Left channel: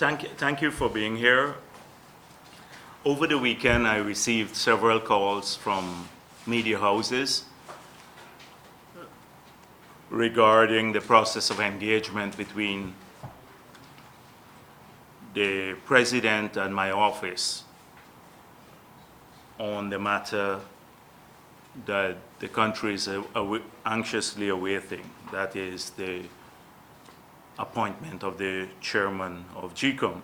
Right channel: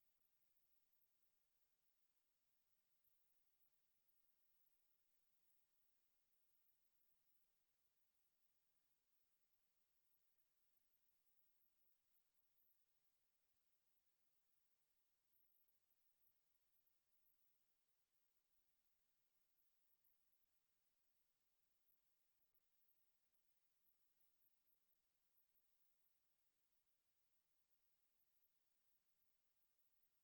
Thank you for being here. Over the weekend, I received several calls from media houses regarding the process of engagement between the President and my office on the matter that the country is anxiously awaiting, that is the appointment of the chairman of GCOM.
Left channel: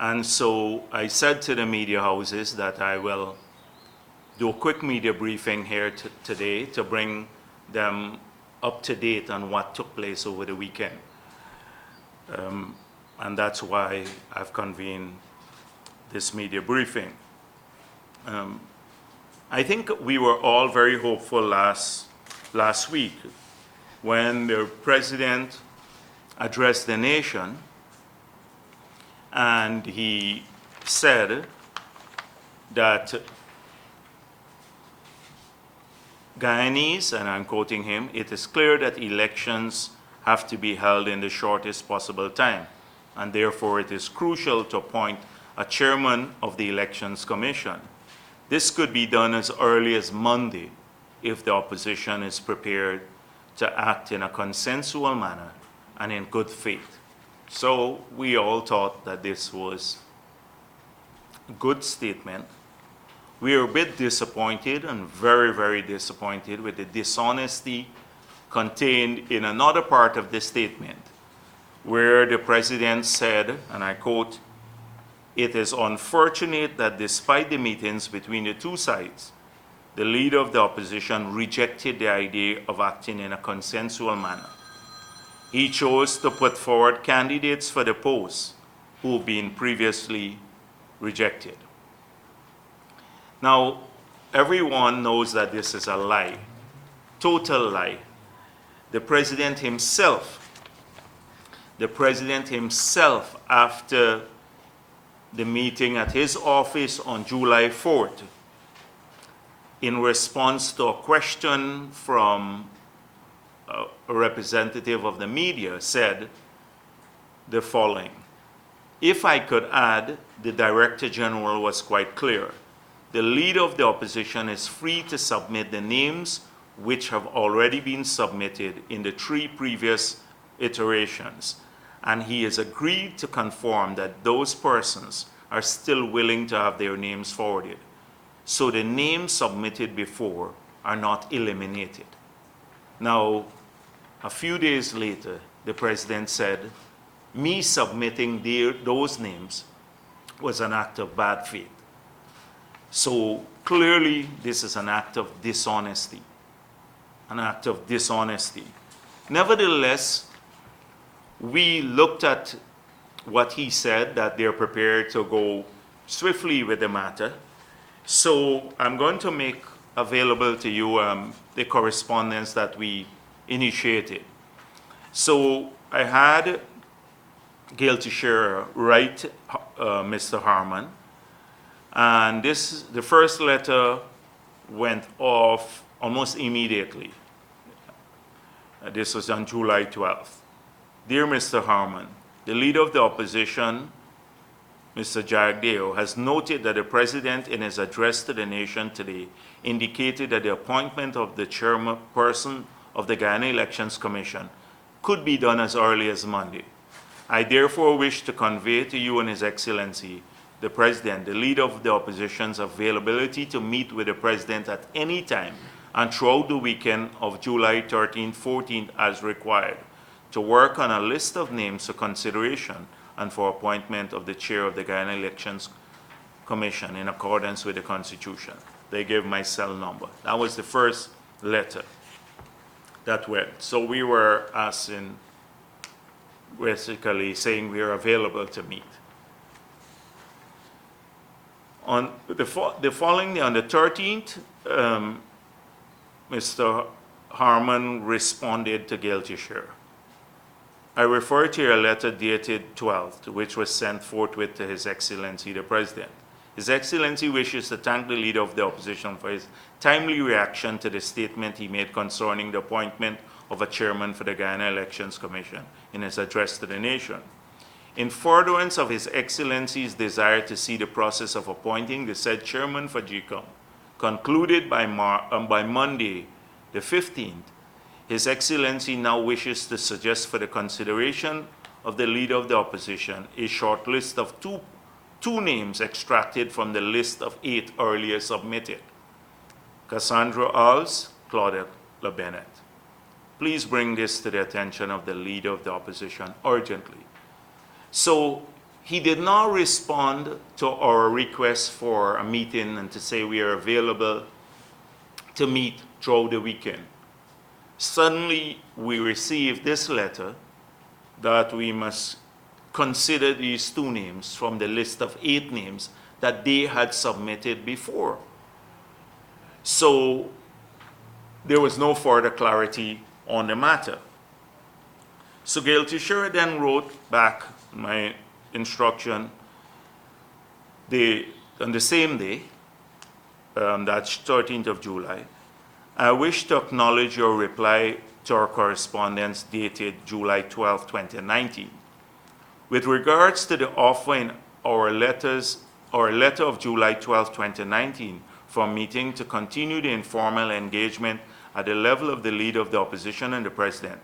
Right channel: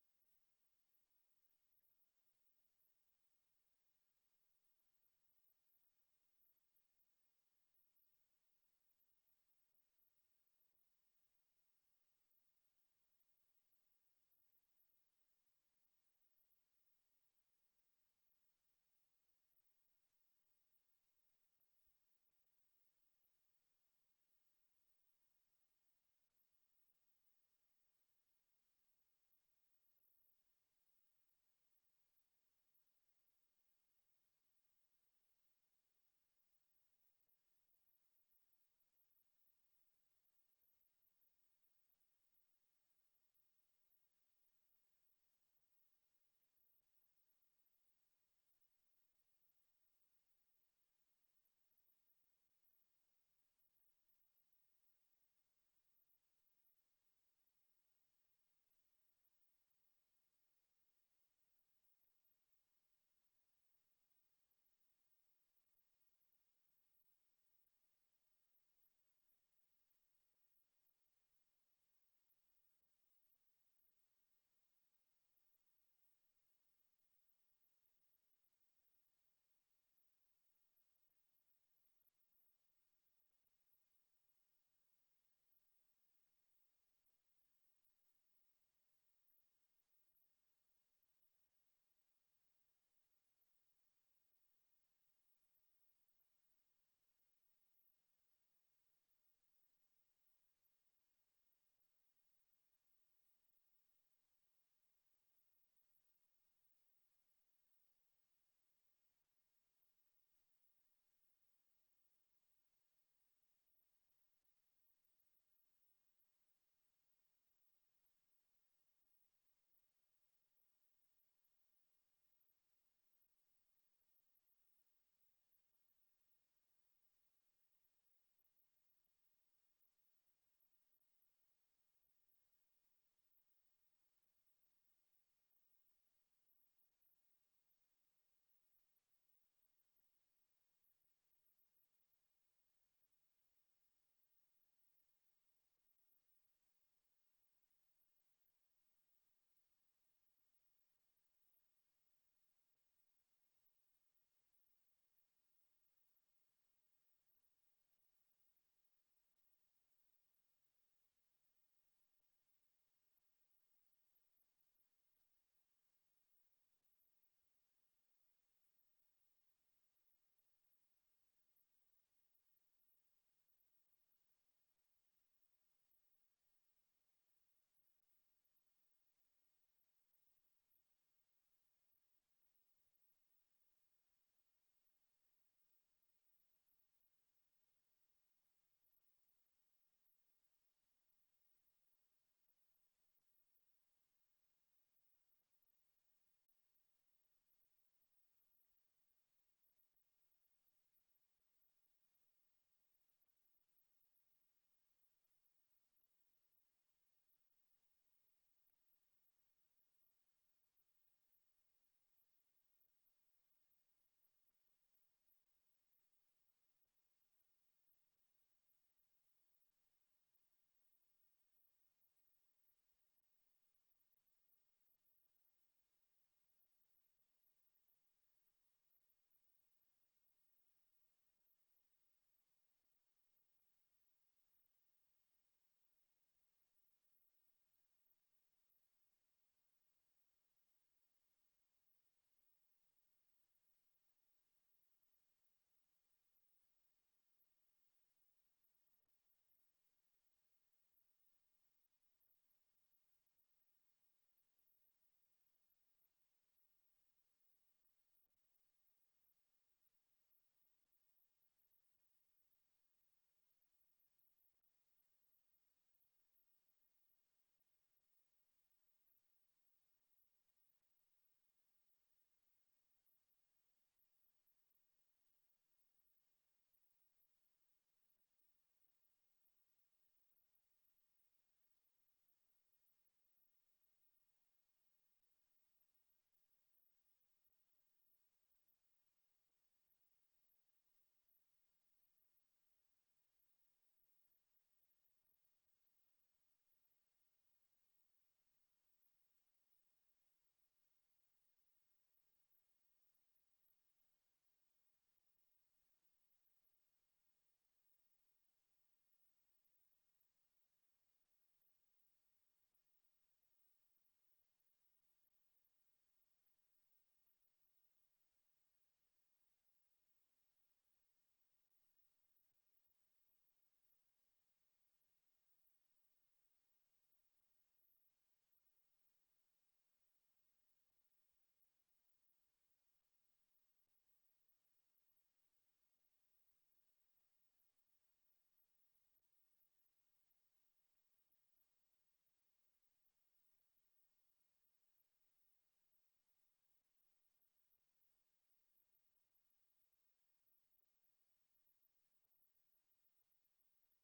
And so I said to the media houses that I will do a quick media briefing here today to bring them up to date on what took place over the weekend. And that's why I've convened this media briefing. I think we were all very hopeful last week when the President addressed the nation, and he said that Guyanese, and I'm quoting him, "It is clear that elections have to be held in the shortest possible time, and therefore it is crucial to appoint a chairman of the Elections Commission. This could be done as early as Monday if the opposition is prepared to act in a consensual manner and in good faith." So we all thought that this was a good statement. We are a bit disappointed, and very, very disappointed, with the dishonesty contained in another part of the statement, where the President said, and I quote, "It is unfortunate that despite the meetings between the two sides, the leader of the opposition rejected the idea of acting in a consensual manner. He chose to put forward candidates for the post who have been previously rejected." Now, everyone knows that this is a lie, total lie. The President himself, after the meeting at his office on July 4th, in response to a question from a representative of the media, said the following: "If I could add, the Director General was quite clear. The leader of the opposition is free to submit the names which have already been submitted in the 3 previous iterations, and he has agreed to confirm that those persons are still willing to have their names forwarded. So the names submitted before are not eliminated." Now, a few days later, the President said, me submitting those names was an act of bad faith. So clearly, this is an act of dishonesty, Nevertheless, we looked at what he said, that they're prepared to go swiftly with the matter. So I'm going to make available to you the correspondence that we initiated. So I had Gail Teixeira write Mr. Harman, and the first letter went off almost immediately. This was on July 12th. "Dear Mr. Harman, the leader of the opposition, Mr. Jagdeo, has noted that the President, in his address to the nation today, indicated that the appointment of the chairperson of the Guyana Elections Commission could be done as early as Monday. I therefore wish to convey to you and His Excellency, the President, the leader of the opposition's availability to meet with the President at any time and throughout the weekend of July 13th, 14th as required, to work on a list of names for consideration and for appointment of the chair of the Guyana Elections Commission in accordance with the Constitution." They gave my cell number. That was the first letter that went. So we were asking, basically saying we are available to meet. On the following day, on the 13th, Mr. Harman responded to Gail Teixeira. "I refer to your letter dated 12th, which was sent forthwith to His Excellency the President. His Excellency wishes to thank the Leader of the Opposition for his timely reaction to the statement he made concerning the appointment of a chairman for the Guyana Elections Commission in his address to the nation. In furtherance of His Excellency's desire to see the process of appointing the said chairman for GCOM concluded by Monday, the 15th, His Excellency now wishes to suggest for the consideration of the Leader of the Opposition a short list of two names extracted from the list of 8 earlier submitted. Cassandra Alls, Claudette LeBennett. Please bring this to the attention of the Leader of the Opposition urgently. So he did not respond to our request for a meeting and to say we are available to meet throughout the weekend. Suddenly, we received this letter that we must consider these 2 names from the list of 8 names that they had submitted before. So there was no further clarity on the matter. So Gail Teixeira then wrote back my instruction on the same day, that's 13th of July. I wish to acknowledge your reply to our correspondence dated July 12, 2019. With regards to the offer in our letter of July 12, 2019, for a meeting to continue the informal engagement at the level of the Leader of the Opposition and the President,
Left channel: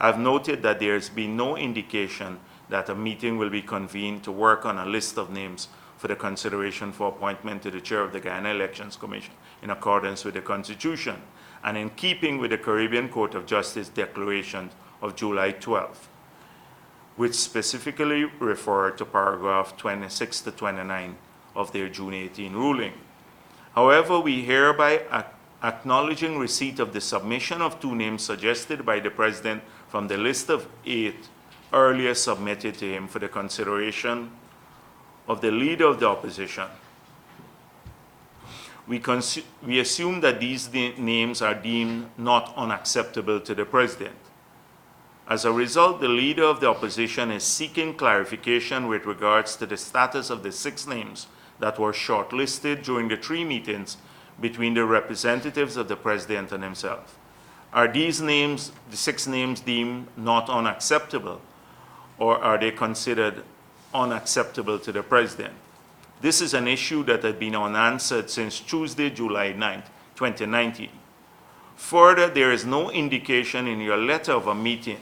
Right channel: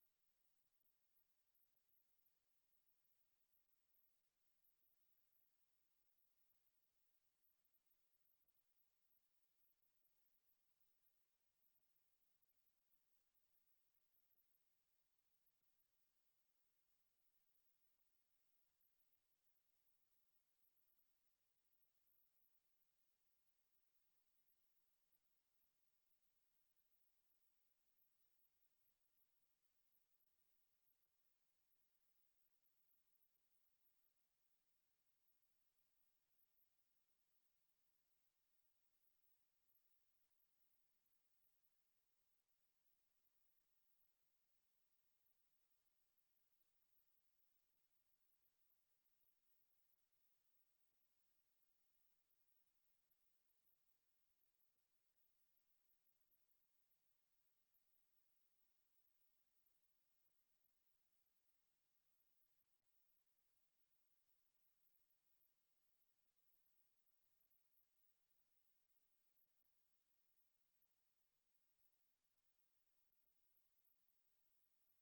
I've noted that there has been no indication that a meeting will be convened to work on a list of names for the consideration for appointment to the Chair of the Guyana Elections Commission in accordance with the Constitution and in keeping with the Caribbean Court of Justice Declaration of July 12, which specifically referred to paragraph 26 to 29 of their June 18 ruling. However, we hereby acknowledging receipt of the submission of 2 names suggested by the President from the list of 8 earlier submitted to him for the consideration of the Leader of the Opposition. We assume that these names are deemed not unacceptable to the President. As a result, the Leader of the Opposition is seeking clarification with regards to the status of the 6 names that were shortlisted during the 3 meetings between the representatives of the President and himself. Are these names, the 6 names, deemed not unacceptable, or are they considered unacceptable to the President? This is an issue that had been unanswered since Tuesday, July 9, 2019. Further, there is no indication in your letter of a meeting.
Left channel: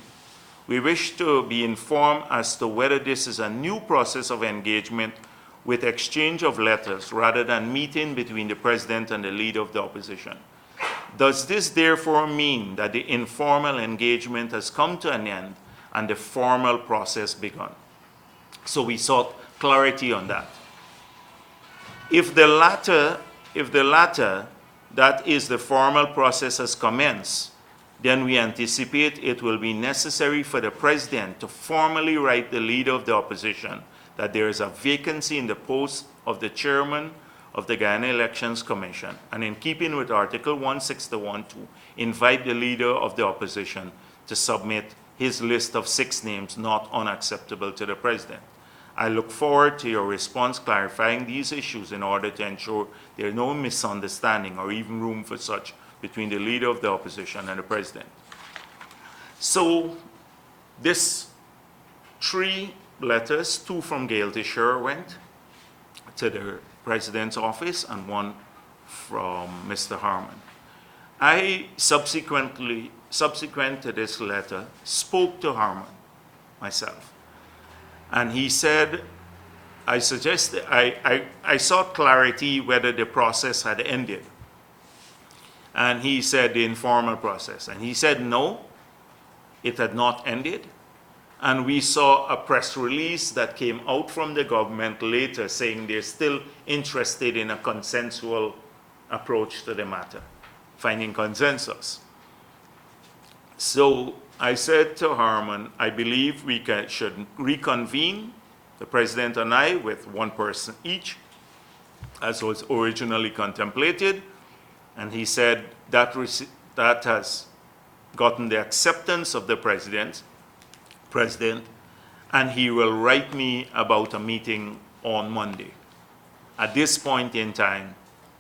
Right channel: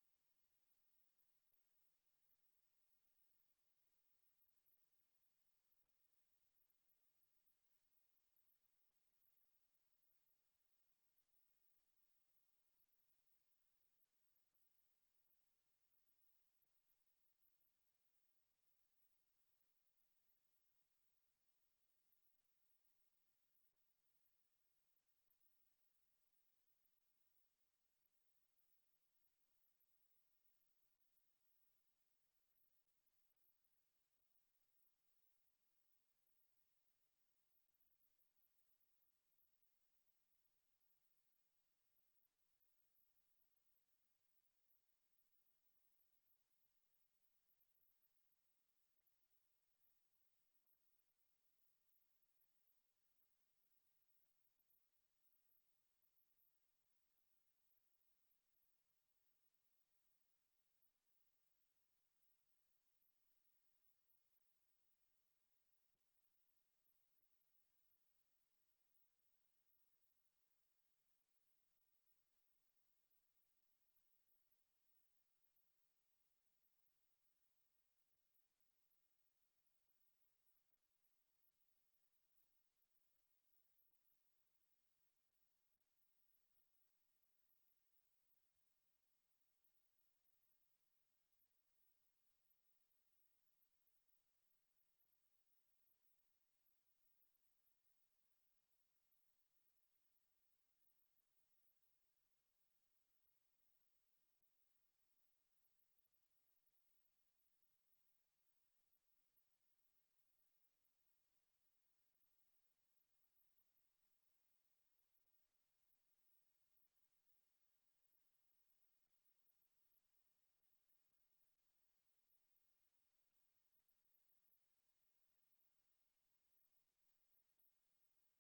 We wish to be informed as to whether this is a new process of engagement with exchange of letters rather than meeting between the President and the Leader of the Opposition. Does this therefore mean that the informal engagement has come to an end and the formal process begun? So we sought clarity on that. If the latter, that is, the formal process has commenced, then we anticipate it will be necessary for the President to formally write the Leader of the Opposition that there is a vacancy in the post of the Chairman of the Guyana Elections Commission, and in keeping with Article 161 to invite the Leader of the Opposition to submit his list of 6 names not unacceptable to the President. I look forward to your response clarifying these issues in order to ensure there is no misunderstanding or even room for such between the Leader of the Opposition and the President. So this 3 letters, 2 from Gail Teixeira went to the President's office and 1 from Mr. Harman. I subsequent to this letter, spoke to Harman myself. And he said, I sought clarity whether the process had ended. And he said the informal process. And he said no, it had not ended. And we saw a press release that came out from the government later saying they're still interested in a consensual approach to the matter, finding consensus. So I said to Harman, I believe we should reconvene, the President and I, with 1 person each, as was originally contemplated. And he said that has gotten the acceptance of the President, and he will write me about a meeting on Monday. At this point in time,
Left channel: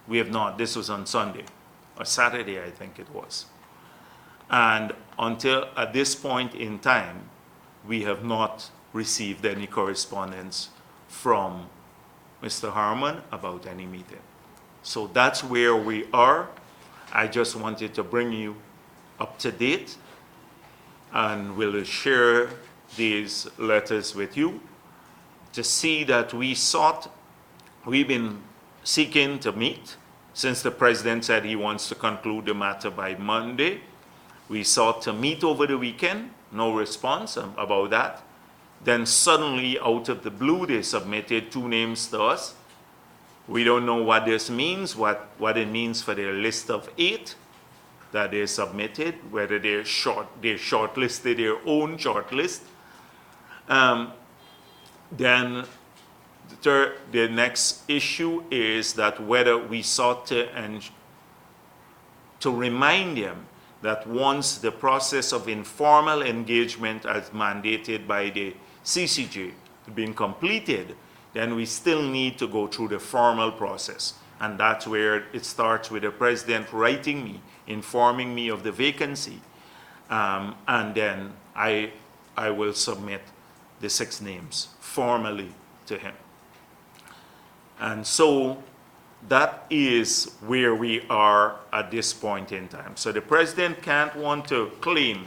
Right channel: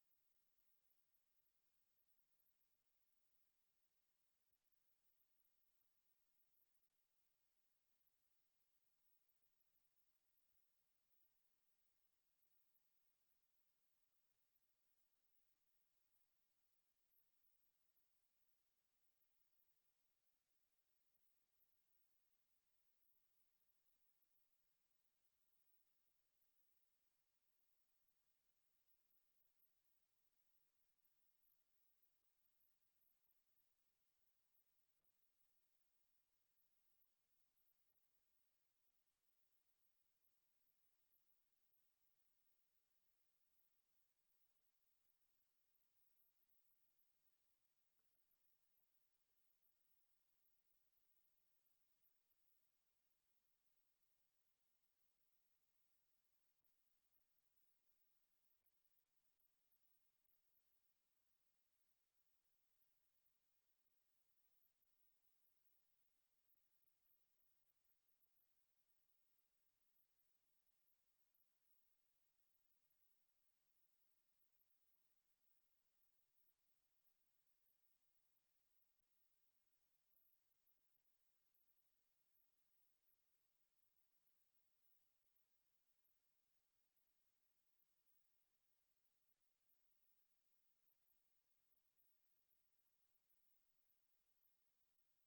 we have not. This was on Sunday, or Saturday, I think it was. And until at this point in time, we have not received any correspondence from Mr. Harmon about any meeting. So that's where we are. I just wanted to bring you up to date, and we'll share these letters with you to see that we've been seeking to meet since the president said he wants to conclude the matter by Monday. We sought to meet over the weekend, no response about that. Then suddenly, out of the blue, they submitted 2 names to us. We don't know what this means, what it means for their list of 8 that they submitted, whether they shortlisted their own shortlist. Then the next issue is that whether we sought to remind them that once the process of informal engagement as mandated by the CCJ has been completed, then we still need to go through the formal process. And that's where it starts with the president writing me, informing me of the vacancy, and then I will submit the 6 names formally to him. And so that is where we are at this point in time. So the president can't want to claim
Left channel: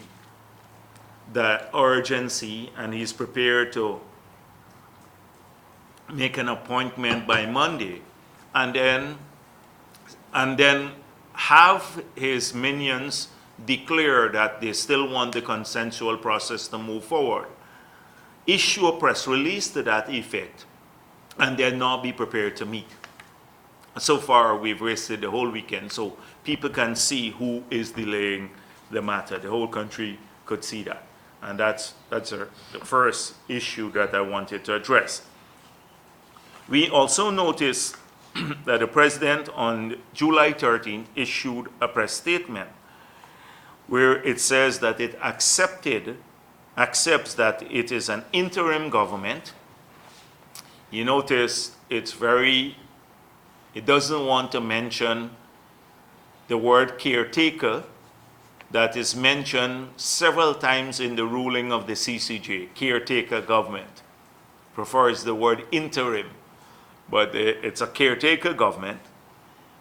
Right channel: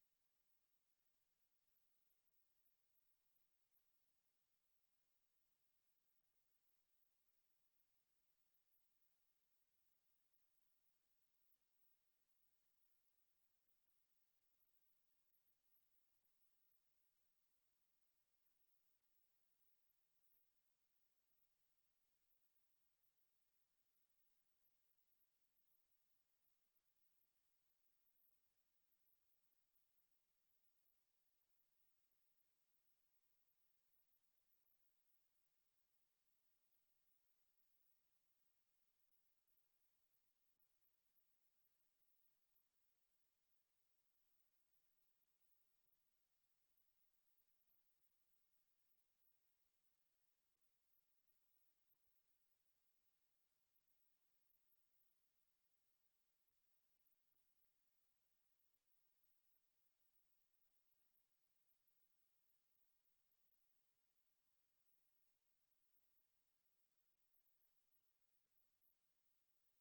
the urgency, and he's prepared to make an appointment by Monday, and then have his minions declare that they still want the consensual process to move forward, issue a press release to that effect, and then not be prepared to meet. So far, we've wasted the whole weekend, so people can see who is delaying the matter. The whole country could see that. And that's the first issue that I wanted to address. We also noticed that the president on July 13th issued a press statement where it says that it accepts that it is an interim government. You notice it doesn't want to mention the word caretaker that is mentioned several times in the ruling of the CCJ, caretaker government. Prefers the word interim, but it's a caretaker government,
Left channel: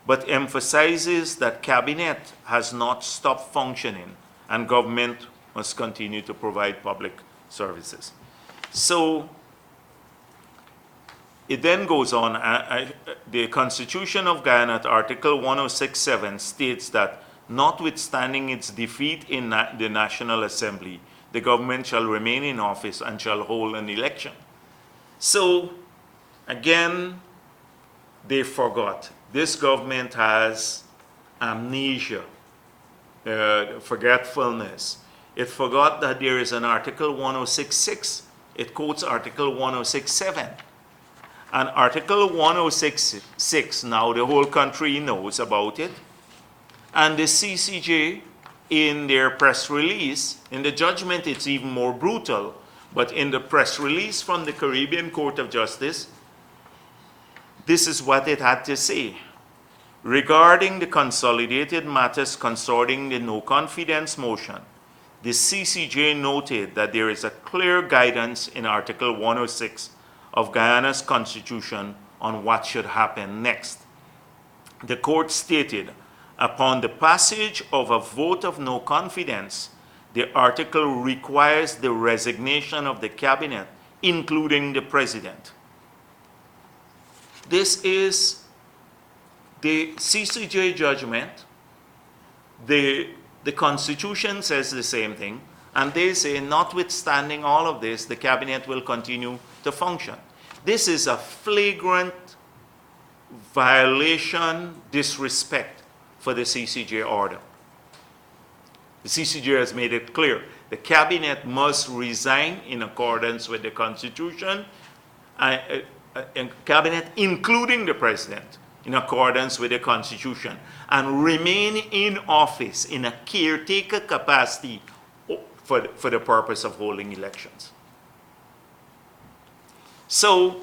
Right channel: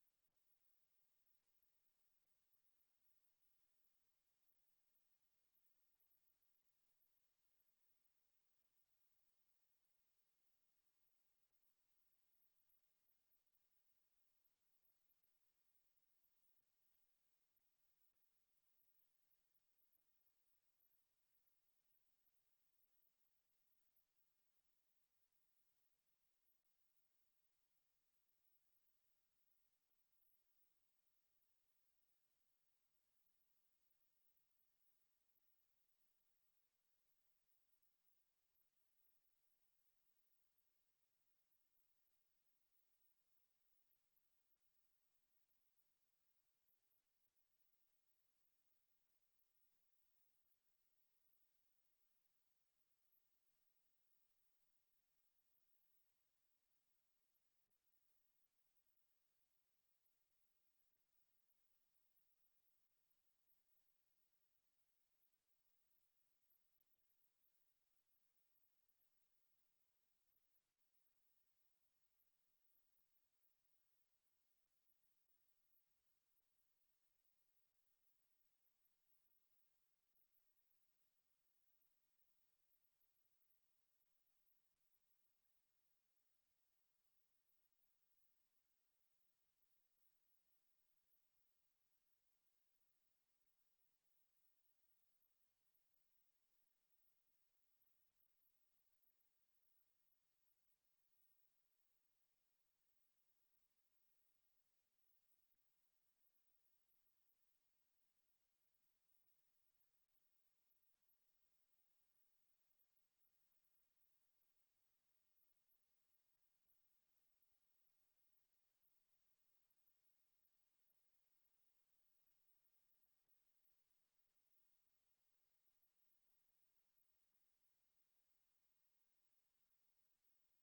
but emphasizes that cabinet has not stopped functioning and government must continue to provide public services. So it then goes on, the Constitution of Guyana, Article 106.7 states that notwithstanding its defeat in the National Assembly, the government shall remain in office and shall hold an election. So, again, they forgot. This government has amnesia, forgetfulness. It forgot that there is an Article 106.6. It quotes Article 106.7. And Article 106.6, now the whole country knows about it. And the CCJ, in their press release, in the judgment it's even more brutal, but in the press release from the Caribbean Court of Justice, this is what it had to say. Regarding the consolidated matters concerning the no confidence motion, the CCJ noted that there is a clear guidance in Article 106 of Guyana's Constitution on what should happen next. The court stated, upon the passage of a vote of no confidence, the article requires the resignation of the cabinet, including the president. This is the CCJ judgment. The Constitution says the same thing, and they say, notwithstanding all of this, the cabinet will continue to function. This is a flagrant violation, disrespect for the CCJ order. The CCJ has made it clear. The cabinet must resign in accordance with the Constitution, and cabinet, including the president, in accordance with the Constitution, and remain in office in a caretaker capacity for the purpose of holding elections. So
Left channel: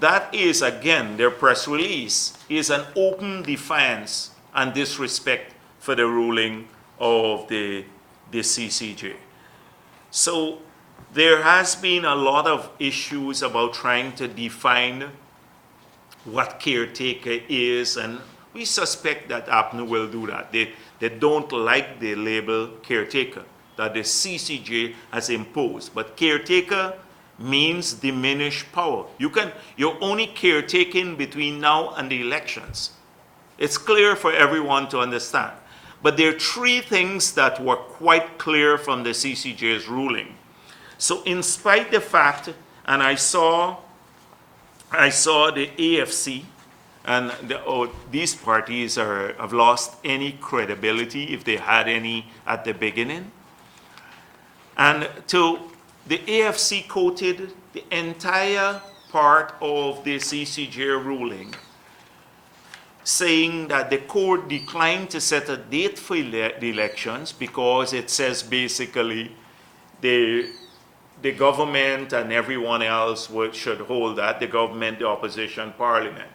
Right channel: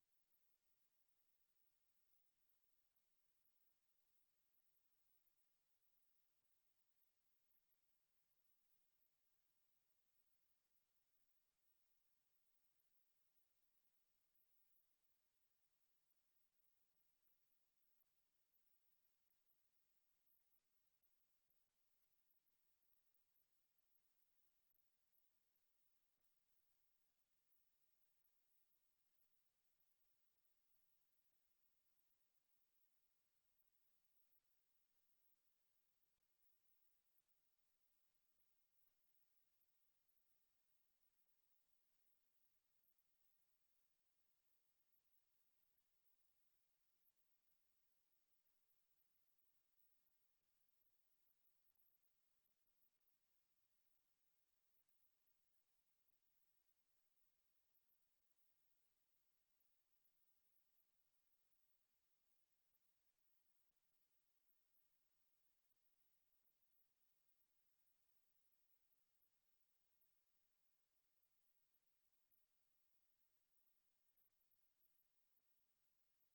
that is, again, their press release is an open defiance and disrespect for the ruling of the CCJ. So there has been a lot of issues about trying to define what caretaker is, and we suspect that APNU will do that. They don't like the label caretaker that the CCJ has imposed. But caretaker means diminished power. You're only caretaking between now and the elections. It's clear for everyone to understand. But there are three things that were quite clear from the CCJ's ruling. So in spite of the fact, and I saw the AFC, and these parties have lost any credibility, if they had any at the beginning. And the AFC quoted the entire part of the CCJ ruling, saying that the court declined to set a date for the elections because it says basically the government and everyone else should hold that, the government, the opposition, parliament.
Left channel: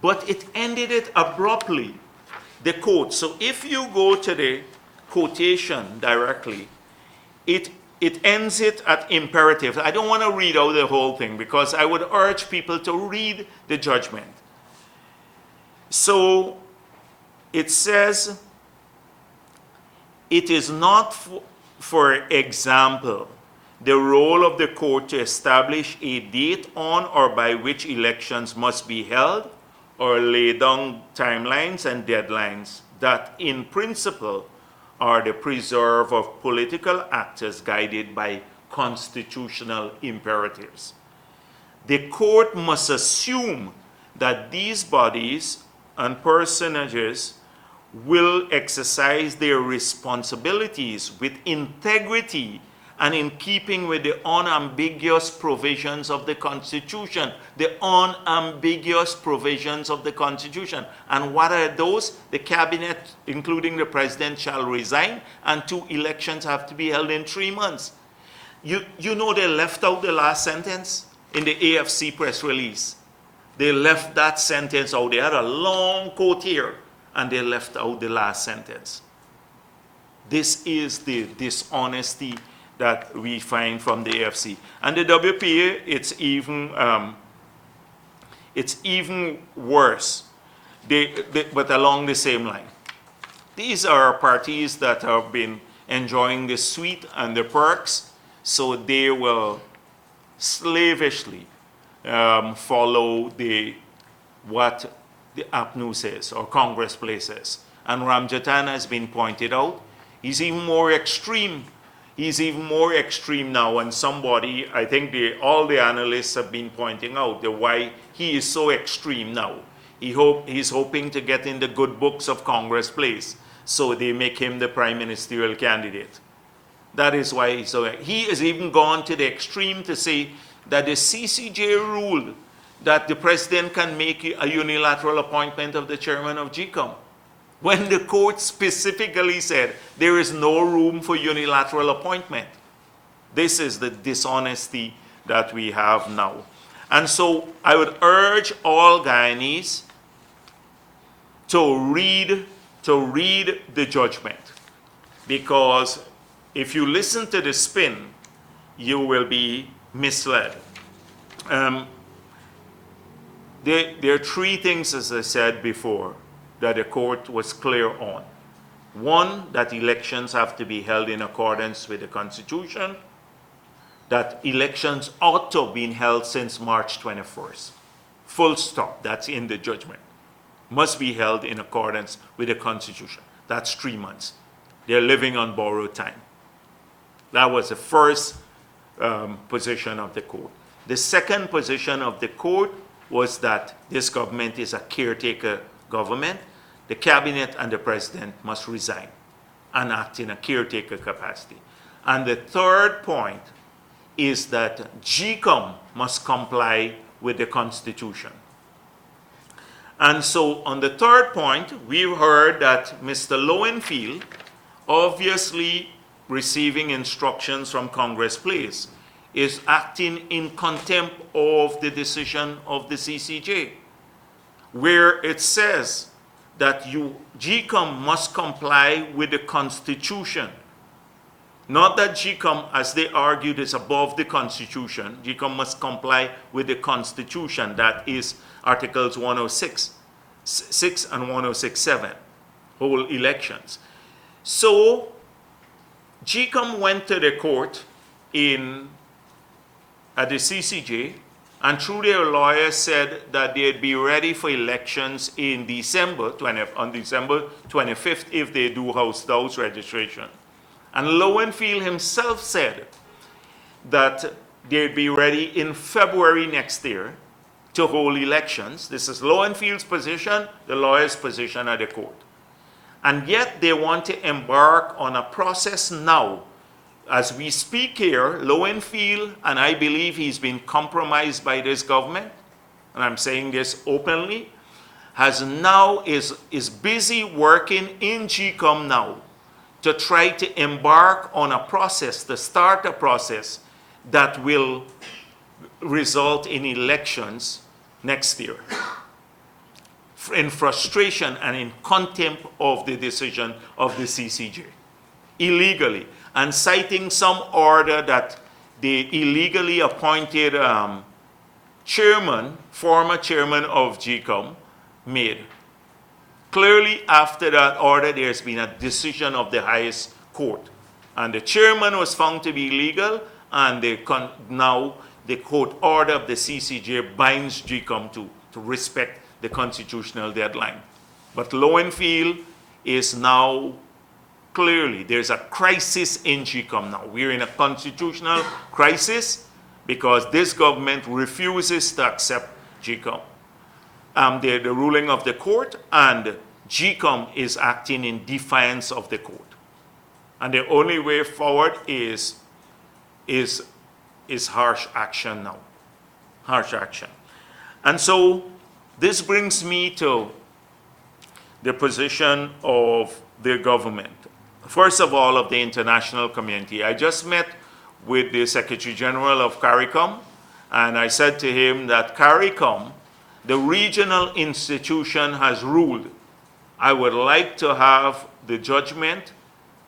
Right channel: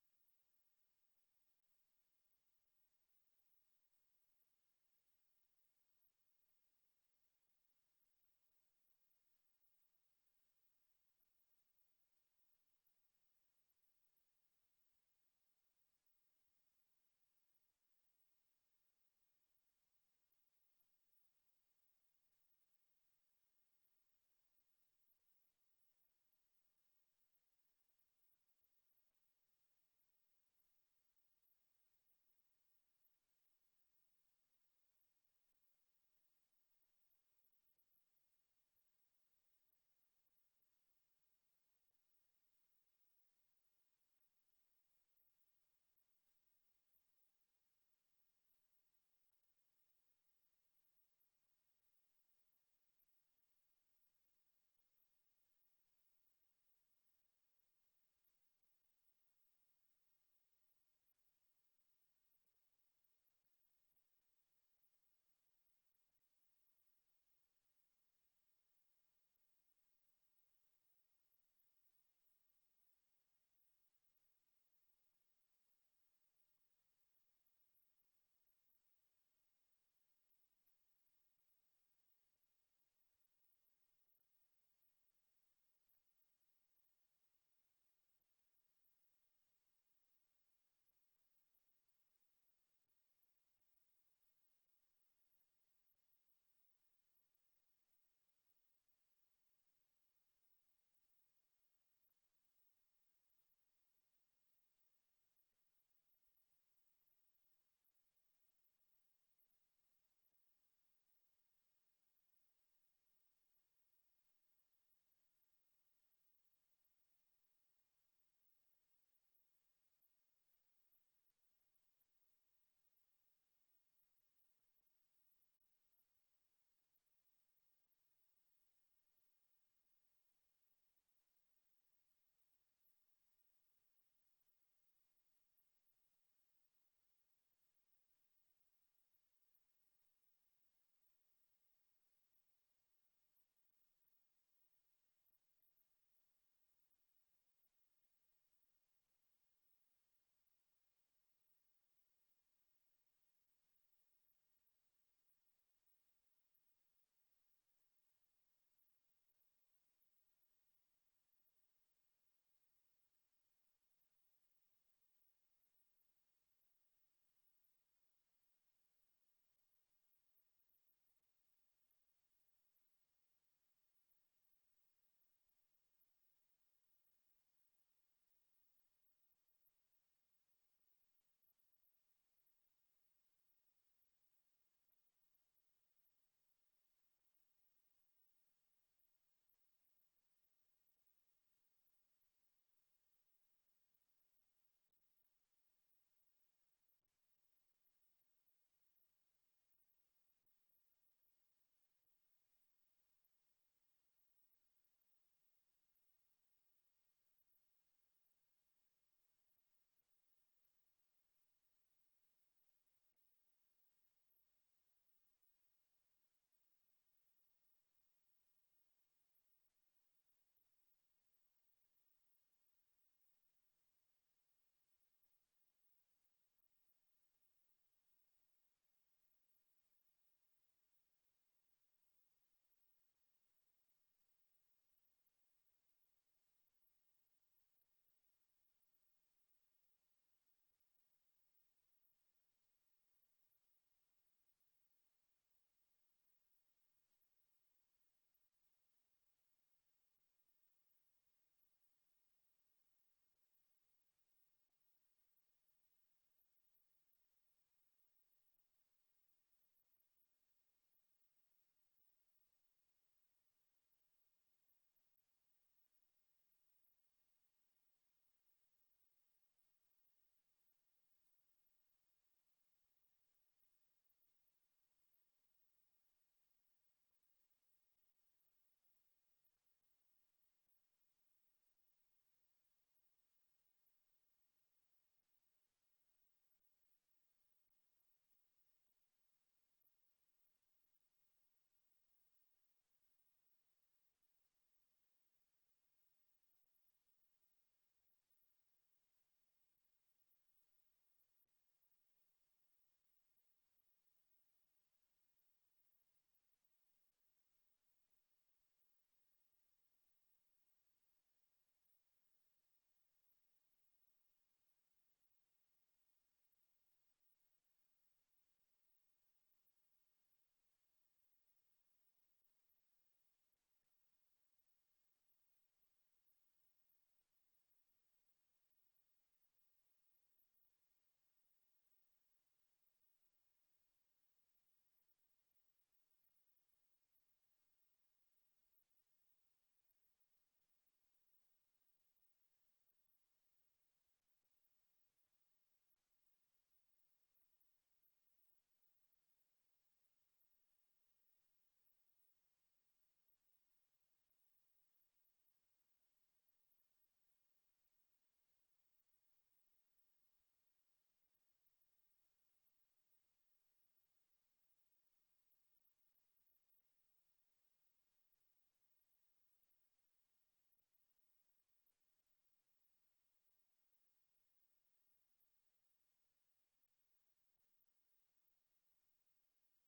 But it ended it abruptly, the quote. So if you go to the quotation directly, it ends it at imperative. I don't want to read out the whole thing because I would urge people to read the judgment. So it says, it is not, for example, the role of the court to establish a date on or by which elections must be held, or lay down timelines and deadlines that in principle are the preserve of political actors guided by constitutional imperatives. The court must assume that these bodies and personages will exercise their responsibilities with integrity and in keeping with the unambiguous provisions of the Constitution. The unambiguous provisions of the Constitution. And what are those? The cabinet, including the president, shall resign, and 2 elections have to be held in 3 months. You know they left out the last sentence in the AFC press release. They left that sentence out. They had a long quote here, and they left out the last sentence. This is the dishonesty that we find from the AFC. And the WPA, it's even worse, but along the same line. These are parties that have been enjoying the sweet and the perks, so they will slavishly follow what the APNU says or Congress places. And Ramjatan has been pointed out. He's even more extreme. He's even more extreme now, and somebody, I think all the analysts have been pointing out why he is so extreme now. He's hoping to get in the good books of Congress place, so they make him the prime ministerial candidate. That is why he's so. He has even gone to the extreme to say that the CCJ ruled that the president can make a unilateral appointment of the chairman of GCOM, when the court specifically said there is no room for unilateral appointment. This is the dishonesty that we have now. And so I would urge all Guyanese to read the judgment, because if you listen to the spin, you will be misled. There are 3 things, as I said before, that the court was clear on. One, that elections have to be held in accordance with the Constitution, that elections ought to have been held since March 21st. Full stop, that's in the judgment. Must be held in accordance with the Constitution. That's 3 months. They're living on borrowed time. That was the first position of the court. The second position of the court was that this government is a caretaker government. The cabinet and the president must resign and act in a caretaker capacity. And the third point is that GCOM must comply with the Constitution. And so on the third point, we've heard that Mr. Lowenfield, obviously receiving instructions from Congress Place, is acting in contempt of the decision of the CCJ, where it says that GCOM must comply with the Constitution. Not that GCOM, as they argued, is above the Constitution. GCOM must comply with the Constitution, that is Articles 106.6 and 106.7, whole elections. So GCOM went to the court at the CCJ, and through their lawyers said that they'd be ready for elections on December 25th if they do house-to-house registration. And Lowenfield himself said that they'd be ready in February next year to hold elections. This is Lowenfield's position, the lawyer's position at the court. And yet they want to embark on a process now. As we speak here, Lowenfield, and I believe he's been compromised by this government, and I'm saying this openly, is busy working in GCOM now to try to embark on a process, to start a process that will result in elections next year, in frustration and in contempt of the decision of the CCJ, illegally, and citing some order that the illegally appointed former chairman of GCOM made. Clearly, after that order, there's been a decision of the highest court. And the chairman was found to be illegal, and now the court order of the CCJ binds GCOM to respect the constitutional deadline. But Lowenfield is now clearly, there's a crisis in GCOM now. We're in a constitutional crisis because this government refuses to accept GCOM. The ruling of the court, and GCOM is acting in defiance of the court. And the only way forward is harsh action now. Harsh action. And so this brings me to the position of the government. First of all, of the international community. I just met with the Secretary General of CARICOM, and I said to him that CARICOM, the regional institution, has ruled. I would like to have the judgment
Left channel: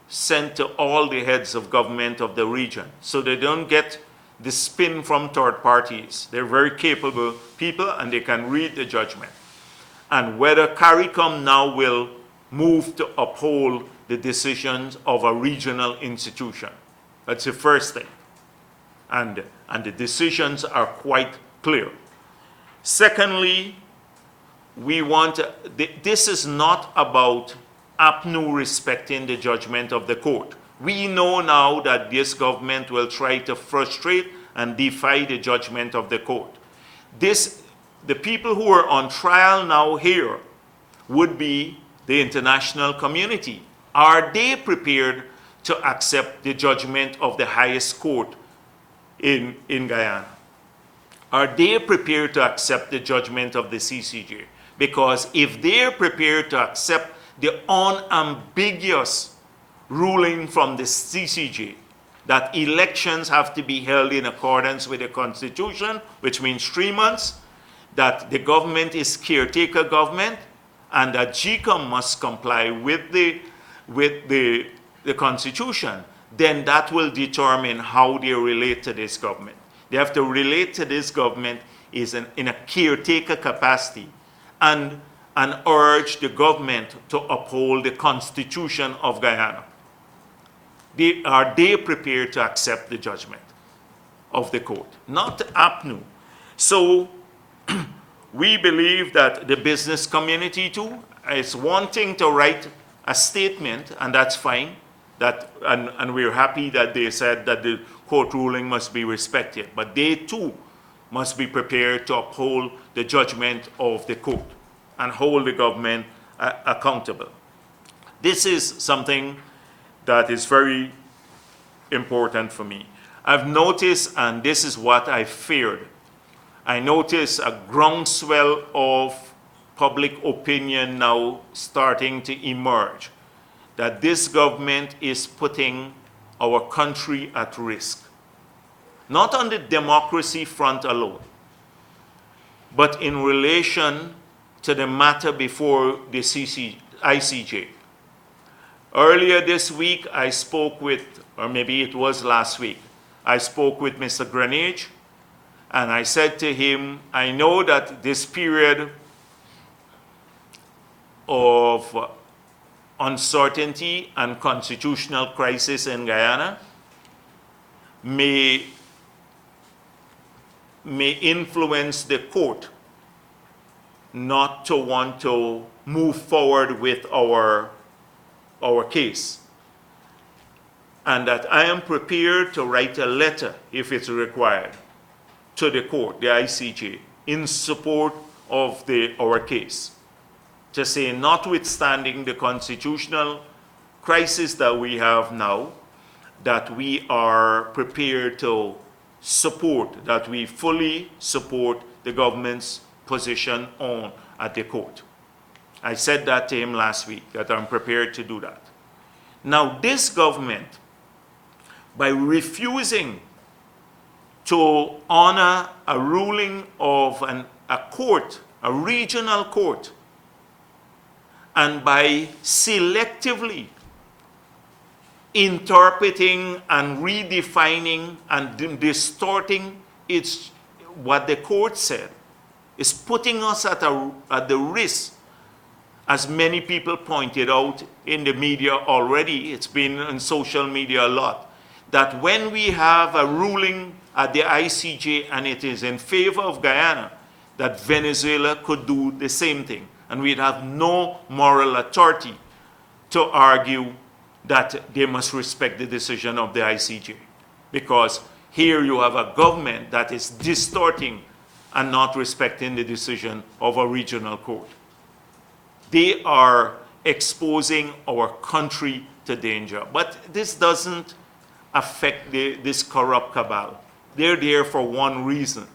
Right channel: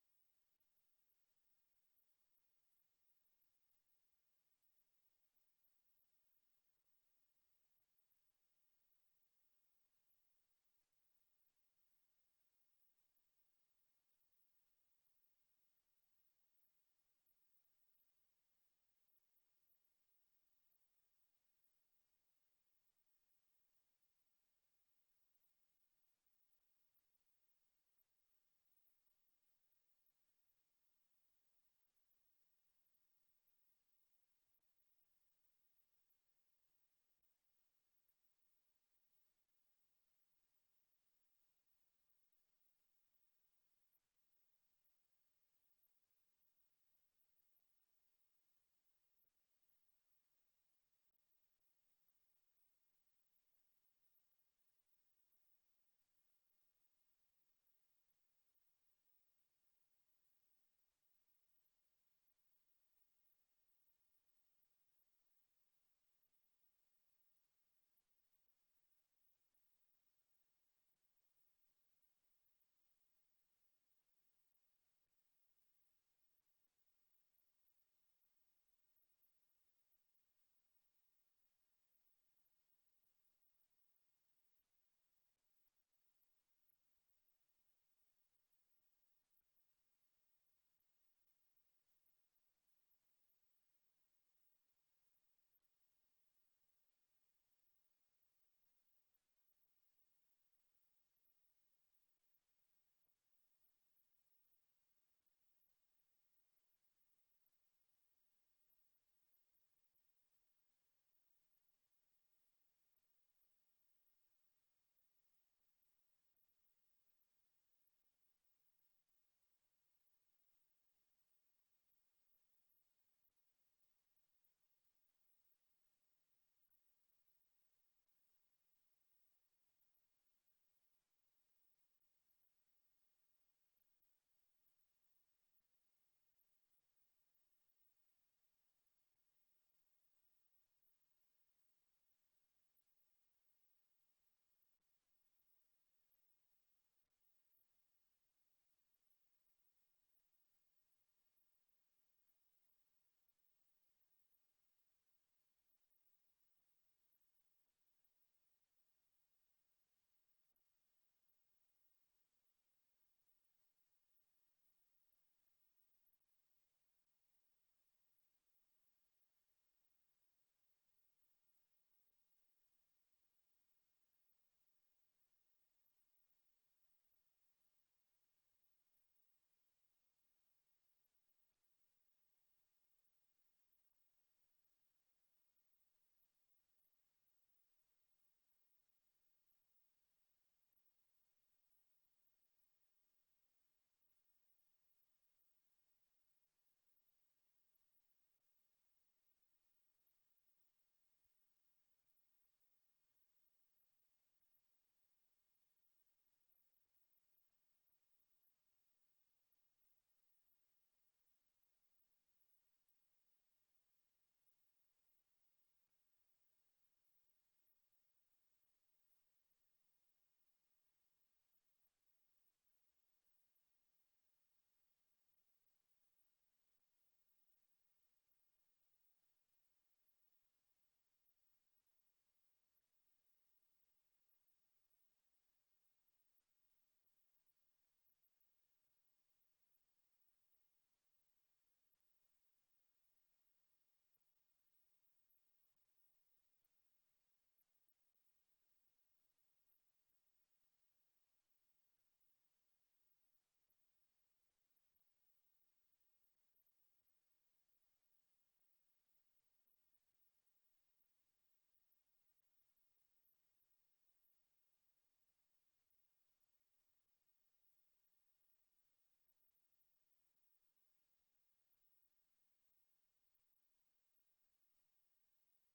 sent to all the heads of government of the region so they don't get the spin from third parties. They're very capable people and they can read the judgment. And whether CARICOM now will move to uphold the decisions of a regional institution. That's the first thing. And the decisions are quite clear. Secondly, this is not about APNU respecting the judgment of the court. We know now that this government will try to frustrate and defy the judgment of the court. The people who are on trial now here would be the international community. Are they prepared to accept the judgment of the highest court in Guyana? Are they prepared to accept the judgment of the CCJ? Because if they're prepared to accept the unambiguous ruling from the CCJ that elections have to be held in accordance with the Constitution, which means 3 months, that the government is caretaker government, and that GCOM must comply with the Constitution, then that will determine how they relate to this government. They have to relate to this government in a caretaker capacity and urge the government to uphold the Constitution of Guyana. Are they prepared to accept the judgment of the court? Not APNU. So we believe that the business community too is wanting to write a statement, and that's fine. And we're happy that they said that the court ruling must be respected. But they too must be prepared to uphold the judgment of the court and hold the government accountable. This is something that is very important for me. I've noticed, and this is what I feared, I noticed a groundswell of public opinion now starting to emerge, that this government is putting our country at risk. Not on the democracy front alone, but in relation to the matter before the ICJ. Earlier this week, I spoke with or maybe it was last week, I spoke with Mr. Greenidge, and I said to him, I know that this period of uncertainty and constitutional crisis in Guyana may influence the court not to want to move forward with our case. And that I am prepared to write a letter, if it's required, to the court, the ICJ, in support of our case. To say, notwithstanding the constitutional crisis that we have now, that we are prepared to support, that we fully support the government's position at the court. I said that to him last week, that I'm prepared to do that. Now, this government, by refusing to honor a ruling of a court, a regional court, and by selectively interpreting and redefining and distorting what the court said, is putting us at the risk, as many people pointed out in the media already, it's been on social media a lot, that when we have a ruling at the ICJ and it is in favor of Guyana, that Venezuela could do the same thing. And we'd have no moral authority to argue that they must respect the decision of the ICJ. Because here you have a government that is distorting and not respecting the decision of a regional court. They are exposing our country to danger. But this doesn't affect this corrupt cabal. They're there for one reason,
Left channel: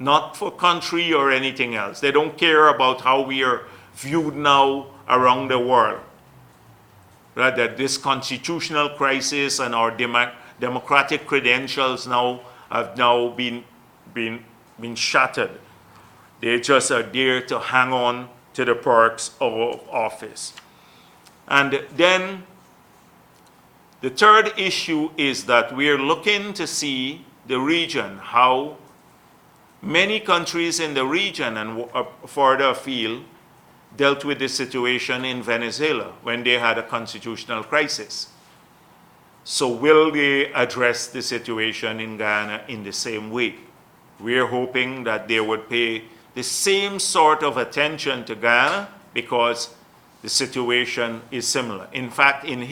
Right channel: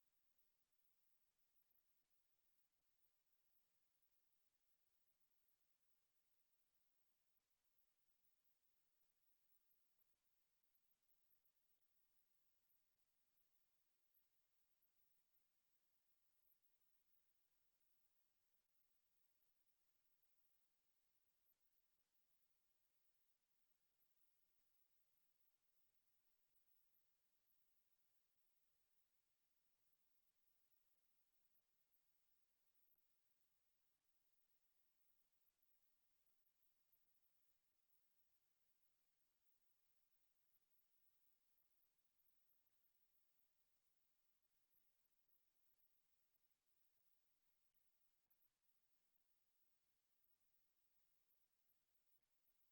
not for country or anything else. They don't care about how we are viewed now around the world. Right? That this constitutional crisis and our democratic credentials now have been shattered. They just are there to hang on to the perks of office. And then the third issue is that we're looking to see the region, how many countries in the region and further afield dealt with the situation in Venezuela when they had a constitutional crisis. So will they address the situation in Guyana in the same way? We're hoping that they would pay the same sort of attention to Guyana because the situation is similar. In fact, in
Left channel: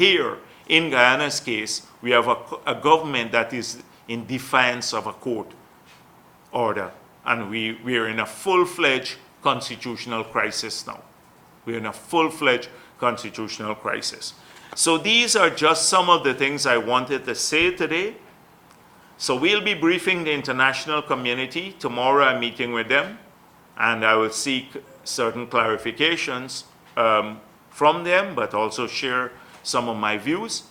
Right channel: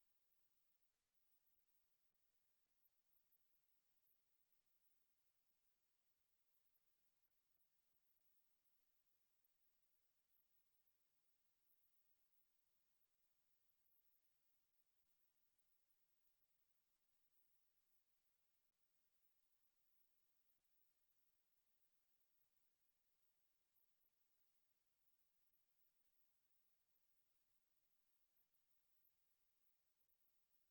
Guyana's case, we have a government that is in defiance of a court order. And we are in a full-fledged constitutional crisis now. We're in a full-fledged constitutional crisis. So these are just some of the things I wanted to say today. So we'll be briefing the international community. Tomorrow I'm meeting with them, and I will seek certain clarifications from them, but also share some of my views.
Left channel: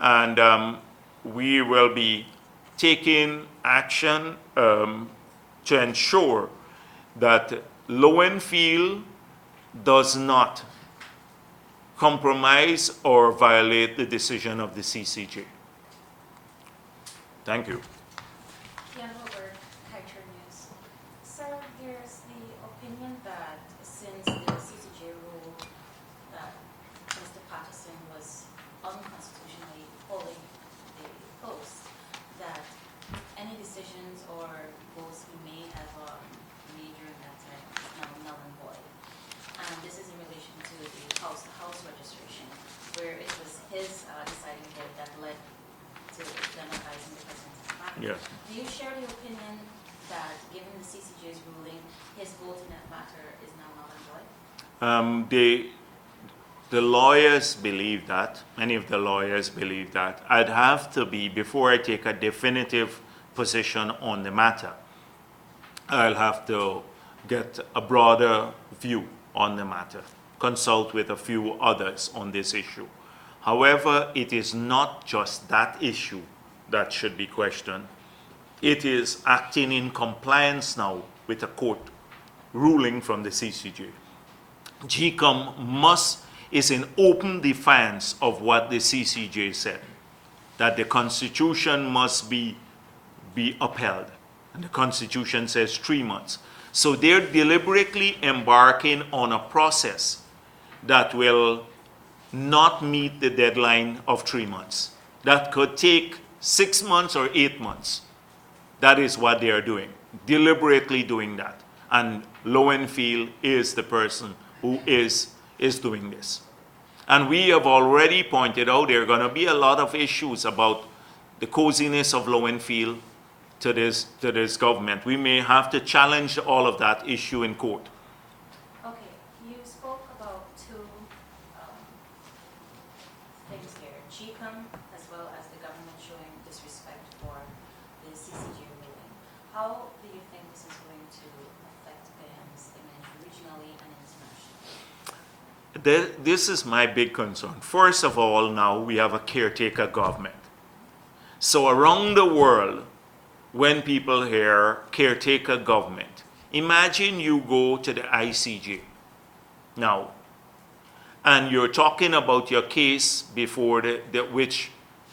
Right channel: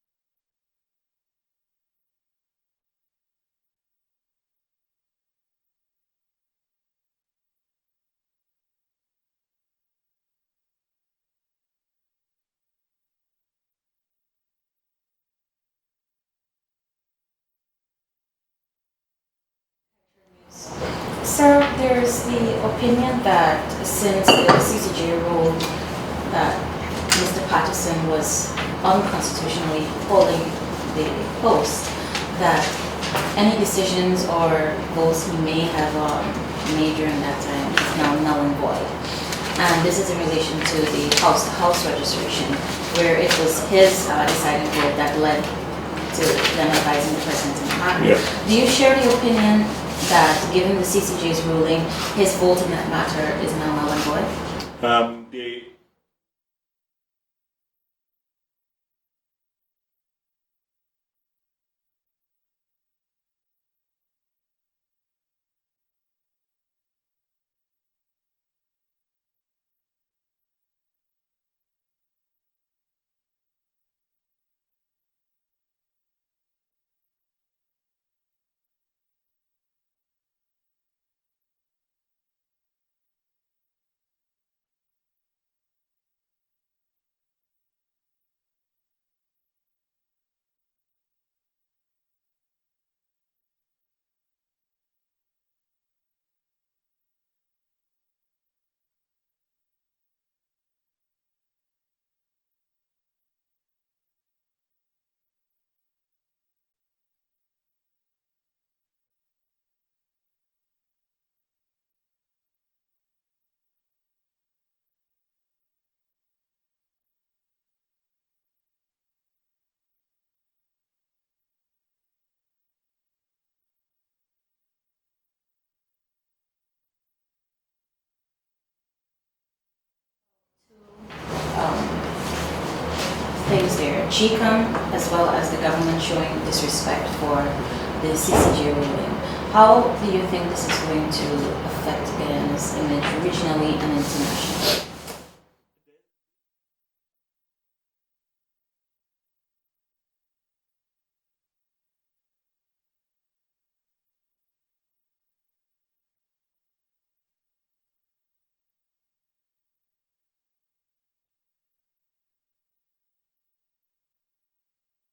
And we will be taking action to ensure that Lowenfield does not compromise or violate the decision of the CCJ. Thank you. Sir, there's the opinion that since the CCJ ruled that Mr. Patterson was unconstitutionally holding the post, that any decisions or votes he may have made during that time is now null and void. And this is in relation to the house registration, where it was his deciding vote that led to them advising the president in the matter. Yes. Do you share the opinion that, given the CCJ's ruling, his vote in that matter is now null and void? The lawyers believe that. Many of the lawyers believe that. I'd have to be, before I take a definitive position on the matter, I'll have to get a broader view on the matter, consult with a few others on this issue. However, it is not just that issue that should be questioned. It is acting in compliance now with a court ruling from the CCJ. GCOM is in open defiance of what the CCJ said. that the Constitution must be upheld. And the Constitution says 3 months. So they're deliberately embarking on a process that will not meet the deadline of 3 months. That could take 6 months or 8 months. That is what they are doing, deliberately doing that. And Lowenfield is the person who is doing this. And we have already pointed out there are going to be a lot of issues about the coziness of Lowenfield to this government. We may have to challenge all of that issue in court. Okay, you spoke about two things there, GCOM as well as the government showing disrespect for the CCJ ruling. How do you think this is going to affect Guyana's image regionally and internationally? This is my big concern. First of all, now we have a caretaker government. So around the world, when people hear caretaker government, imagine you go to the ICJ now, and you're talking about your case before which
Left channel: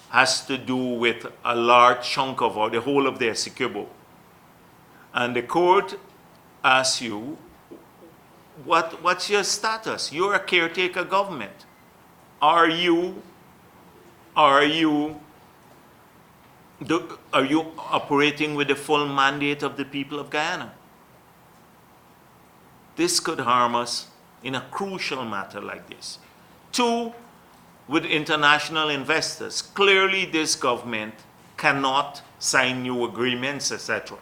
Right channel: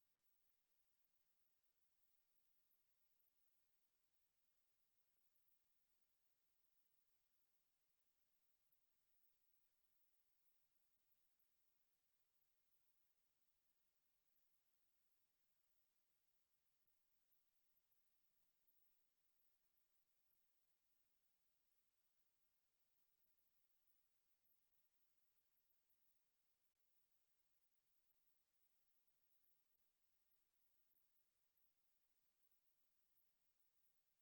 has to do with a large chunk of, or the whole of the Essequibo. And the court asks you, what's your status? You're a caretaker government. Are you operating with the full mandate of the people of Guyana? This could harm us in a crucial matter like this. Two, with international investors. Clearly this government cannot sign new agreements, etc.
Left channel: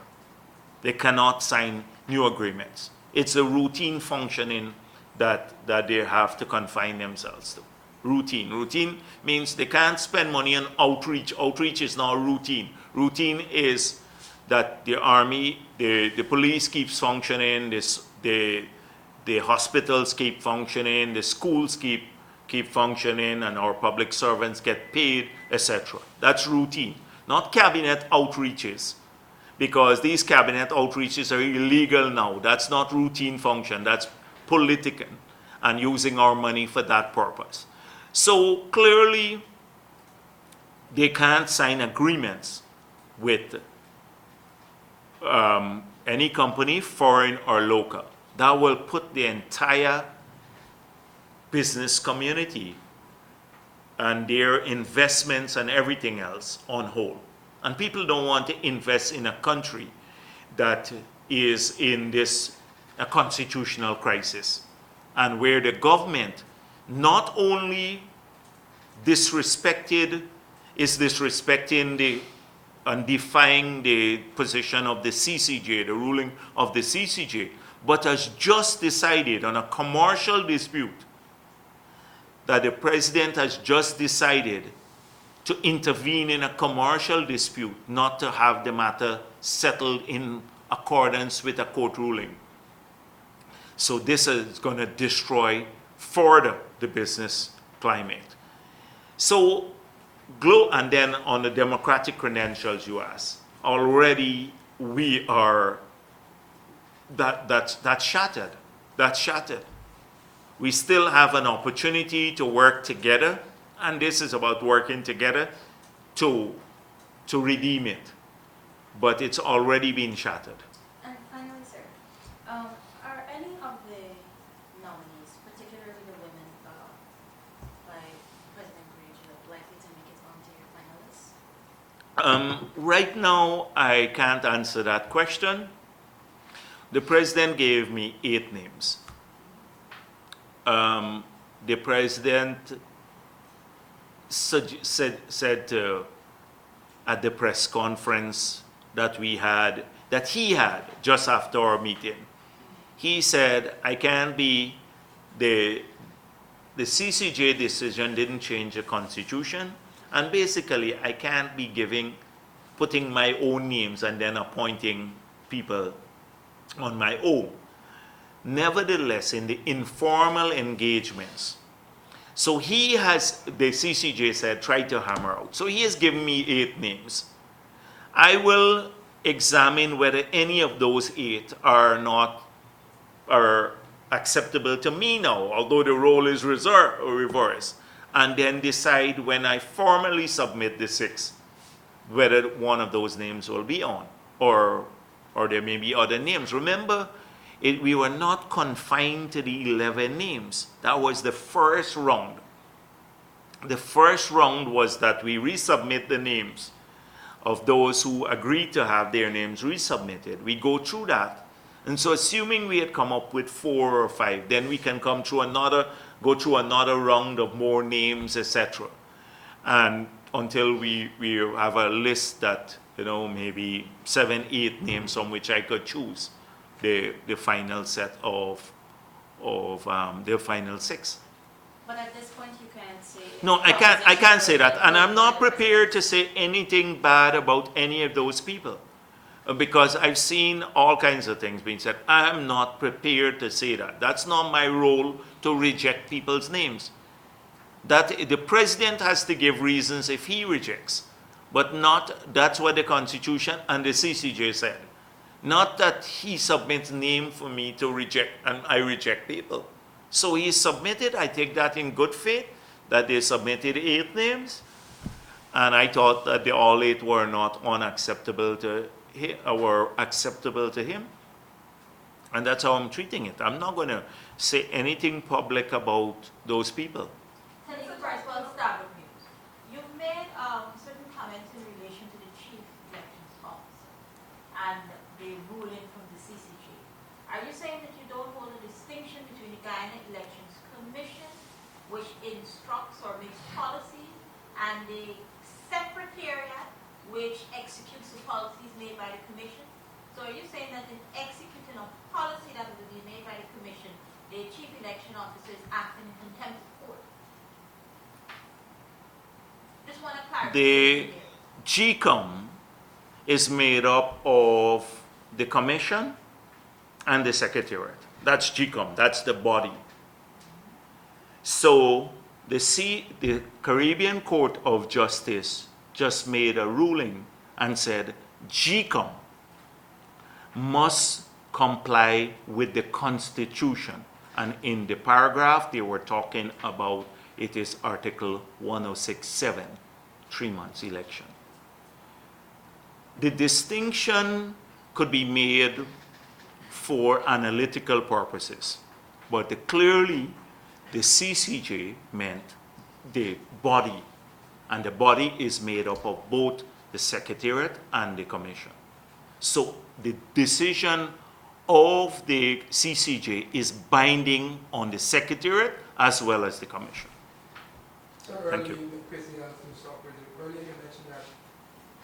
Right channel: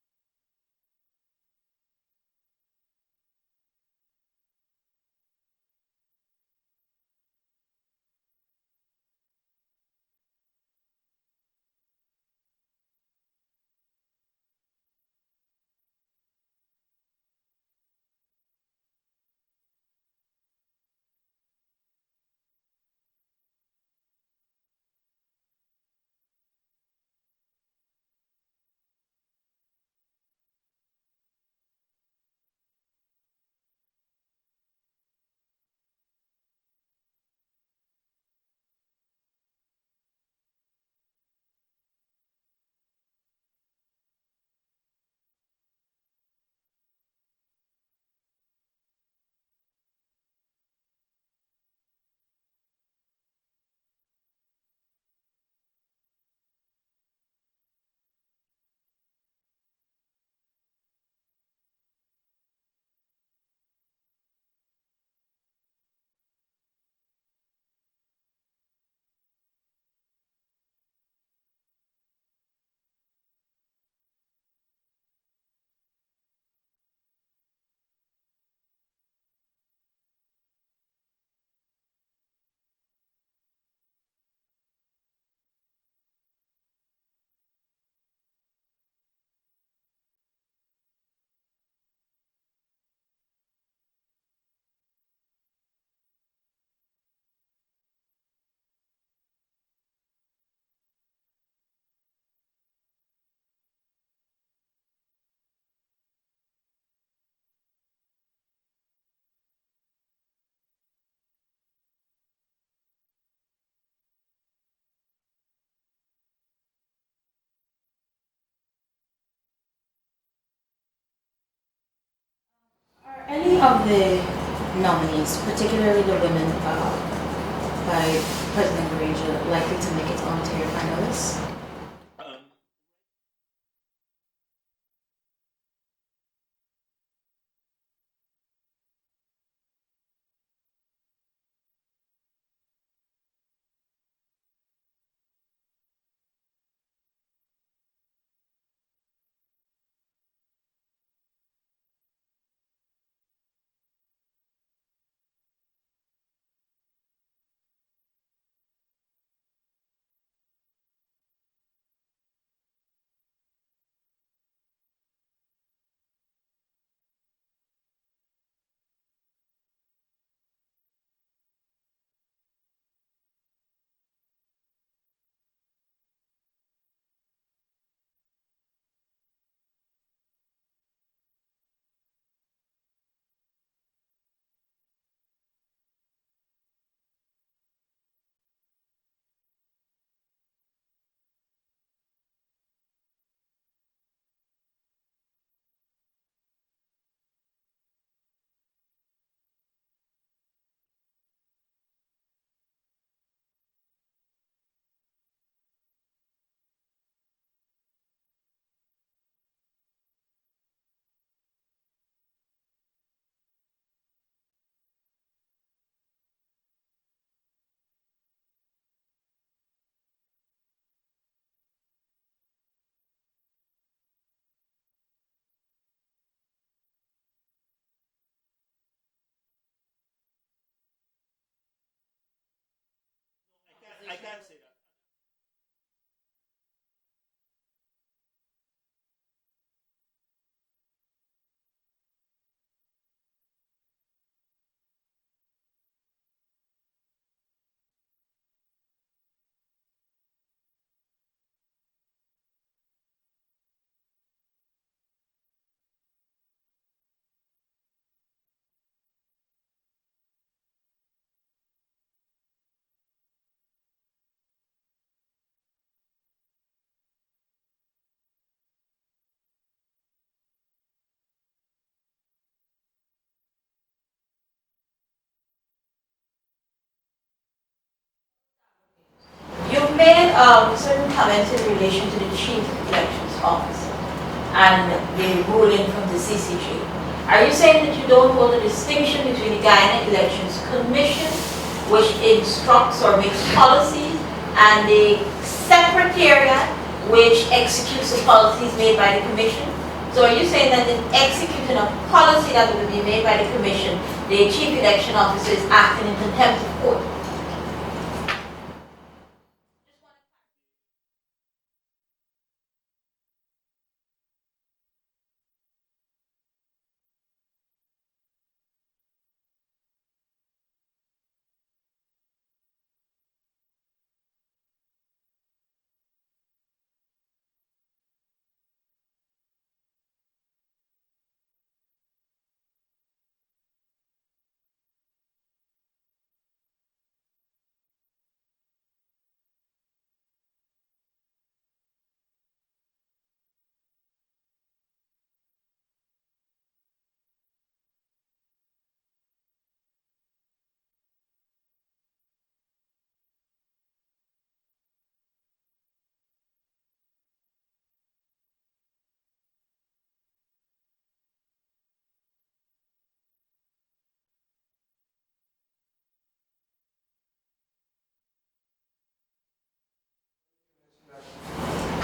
They cannot sign new agreements. It's a routine functioning that they have to confine themselves to. Routine. Routine means they can't spend money on outreach. Outreach is not routine. Routine is that the army, the police keeps functioning, the hospitals keep functioning, the schools keep functioning, and our public servants get paid, etc. That's routine, not cabinet outreaches, because these cabinet outreaches are illegal now. That's not routine function, that's political, and using our money for that purpose. So clearly, they can't sign agreements with any company, foreign or local. That will put the entire business community and their investments and everything else on hold. And people don't want to invest in a country that is in a constitutional crisis, and where the government not only is disrespecting and defying the position of the CCJ, the ruling of the CCJ, but has just decided on a commercial dispute that the president has just decided to intervene in a commercial dispute, not to have the matter settled in accordance with a court ruling. So this is going to destroy further the business climate. So, and then on the democratic credentials you asked, already we are, that's shattered. That's shattered. We still have an opportunity to work together, and this is about working together to redeem it. But it's already been shattered. And finally, sir, are any of the nominees, particularly the women by President Granger, likely to make it onto your finalists? Right now, I can't answer that question. The president gave me 8 names. The president said at the press conference that he had just after our meeting, he said, I can't be, the CCJ decision didn't change the Constitution, and basically I can't be putting my own names and then appointing people on my own. Nevertheless, in the informal engagements, so he has, the CCJ said, try to hammer out. So he has given me 8 names. I will examine whether any of those 8 are acceptable to me now, although the role is reversed. and then decide when I formally submit the 6 whether one of those names will be on, or there may be other names. Remember, we were not confined to the 11 names. That was the first round. The first round was that we resubmit the names of those who agreed to have their names resubmitted. We go through that. And so assuming we had come up with 4 or 5, then we can go through another round of more names, etc. And until we have a list that, maybe 7, 8 names from which I could choose the final set of the final 6. But at this point, you can't say. No, I can't say that. And I'm not prepared to say anything bad about any of those people, because I've seen all kinds of things being said. I'm not prepared to say that. That's not my role to reject people's names. That the president has to give reasons if he rejects, but that's what the Constitution and the CCJ said. Not that he submits name for me to reject and I reject people. So he submitted, I take that in good faith, that they submitted 8 names, and I thought that all 8 were not unacceptable to him, were acceptable to him. And that's how I'm treating it. I'm not going to say anything public about those people. You've made certain comments in relation to the Chief Elections Officer and the ruling from the CCJ. Are you saying that you don't hold a distinction between the Guyana Elections Commission, which instructs or makes policies, and the Secretariat, which executes the policies made by the Commission? So are you saying that in executing a policy that would be made by the Commission, the Chief Election Officer is acting in contempt of court? The GCOM is made up of the Commission and the Secretariat. That's GCOM, that's the body. So the Caribbean Court of Justice just made a ruling and said GCOM must comply with the Constitution. And in the paragraph they were talking about, it is Article 106.7, 3 months election. The distinction could be made for analytical purposes, but clearly the CCJ meant the body, and the body is made up of both the Secretariat and the Commission. So the decision of the CCJ is binding on the Secretariat as well as the Commission. Thank you. Earlier you mentioned that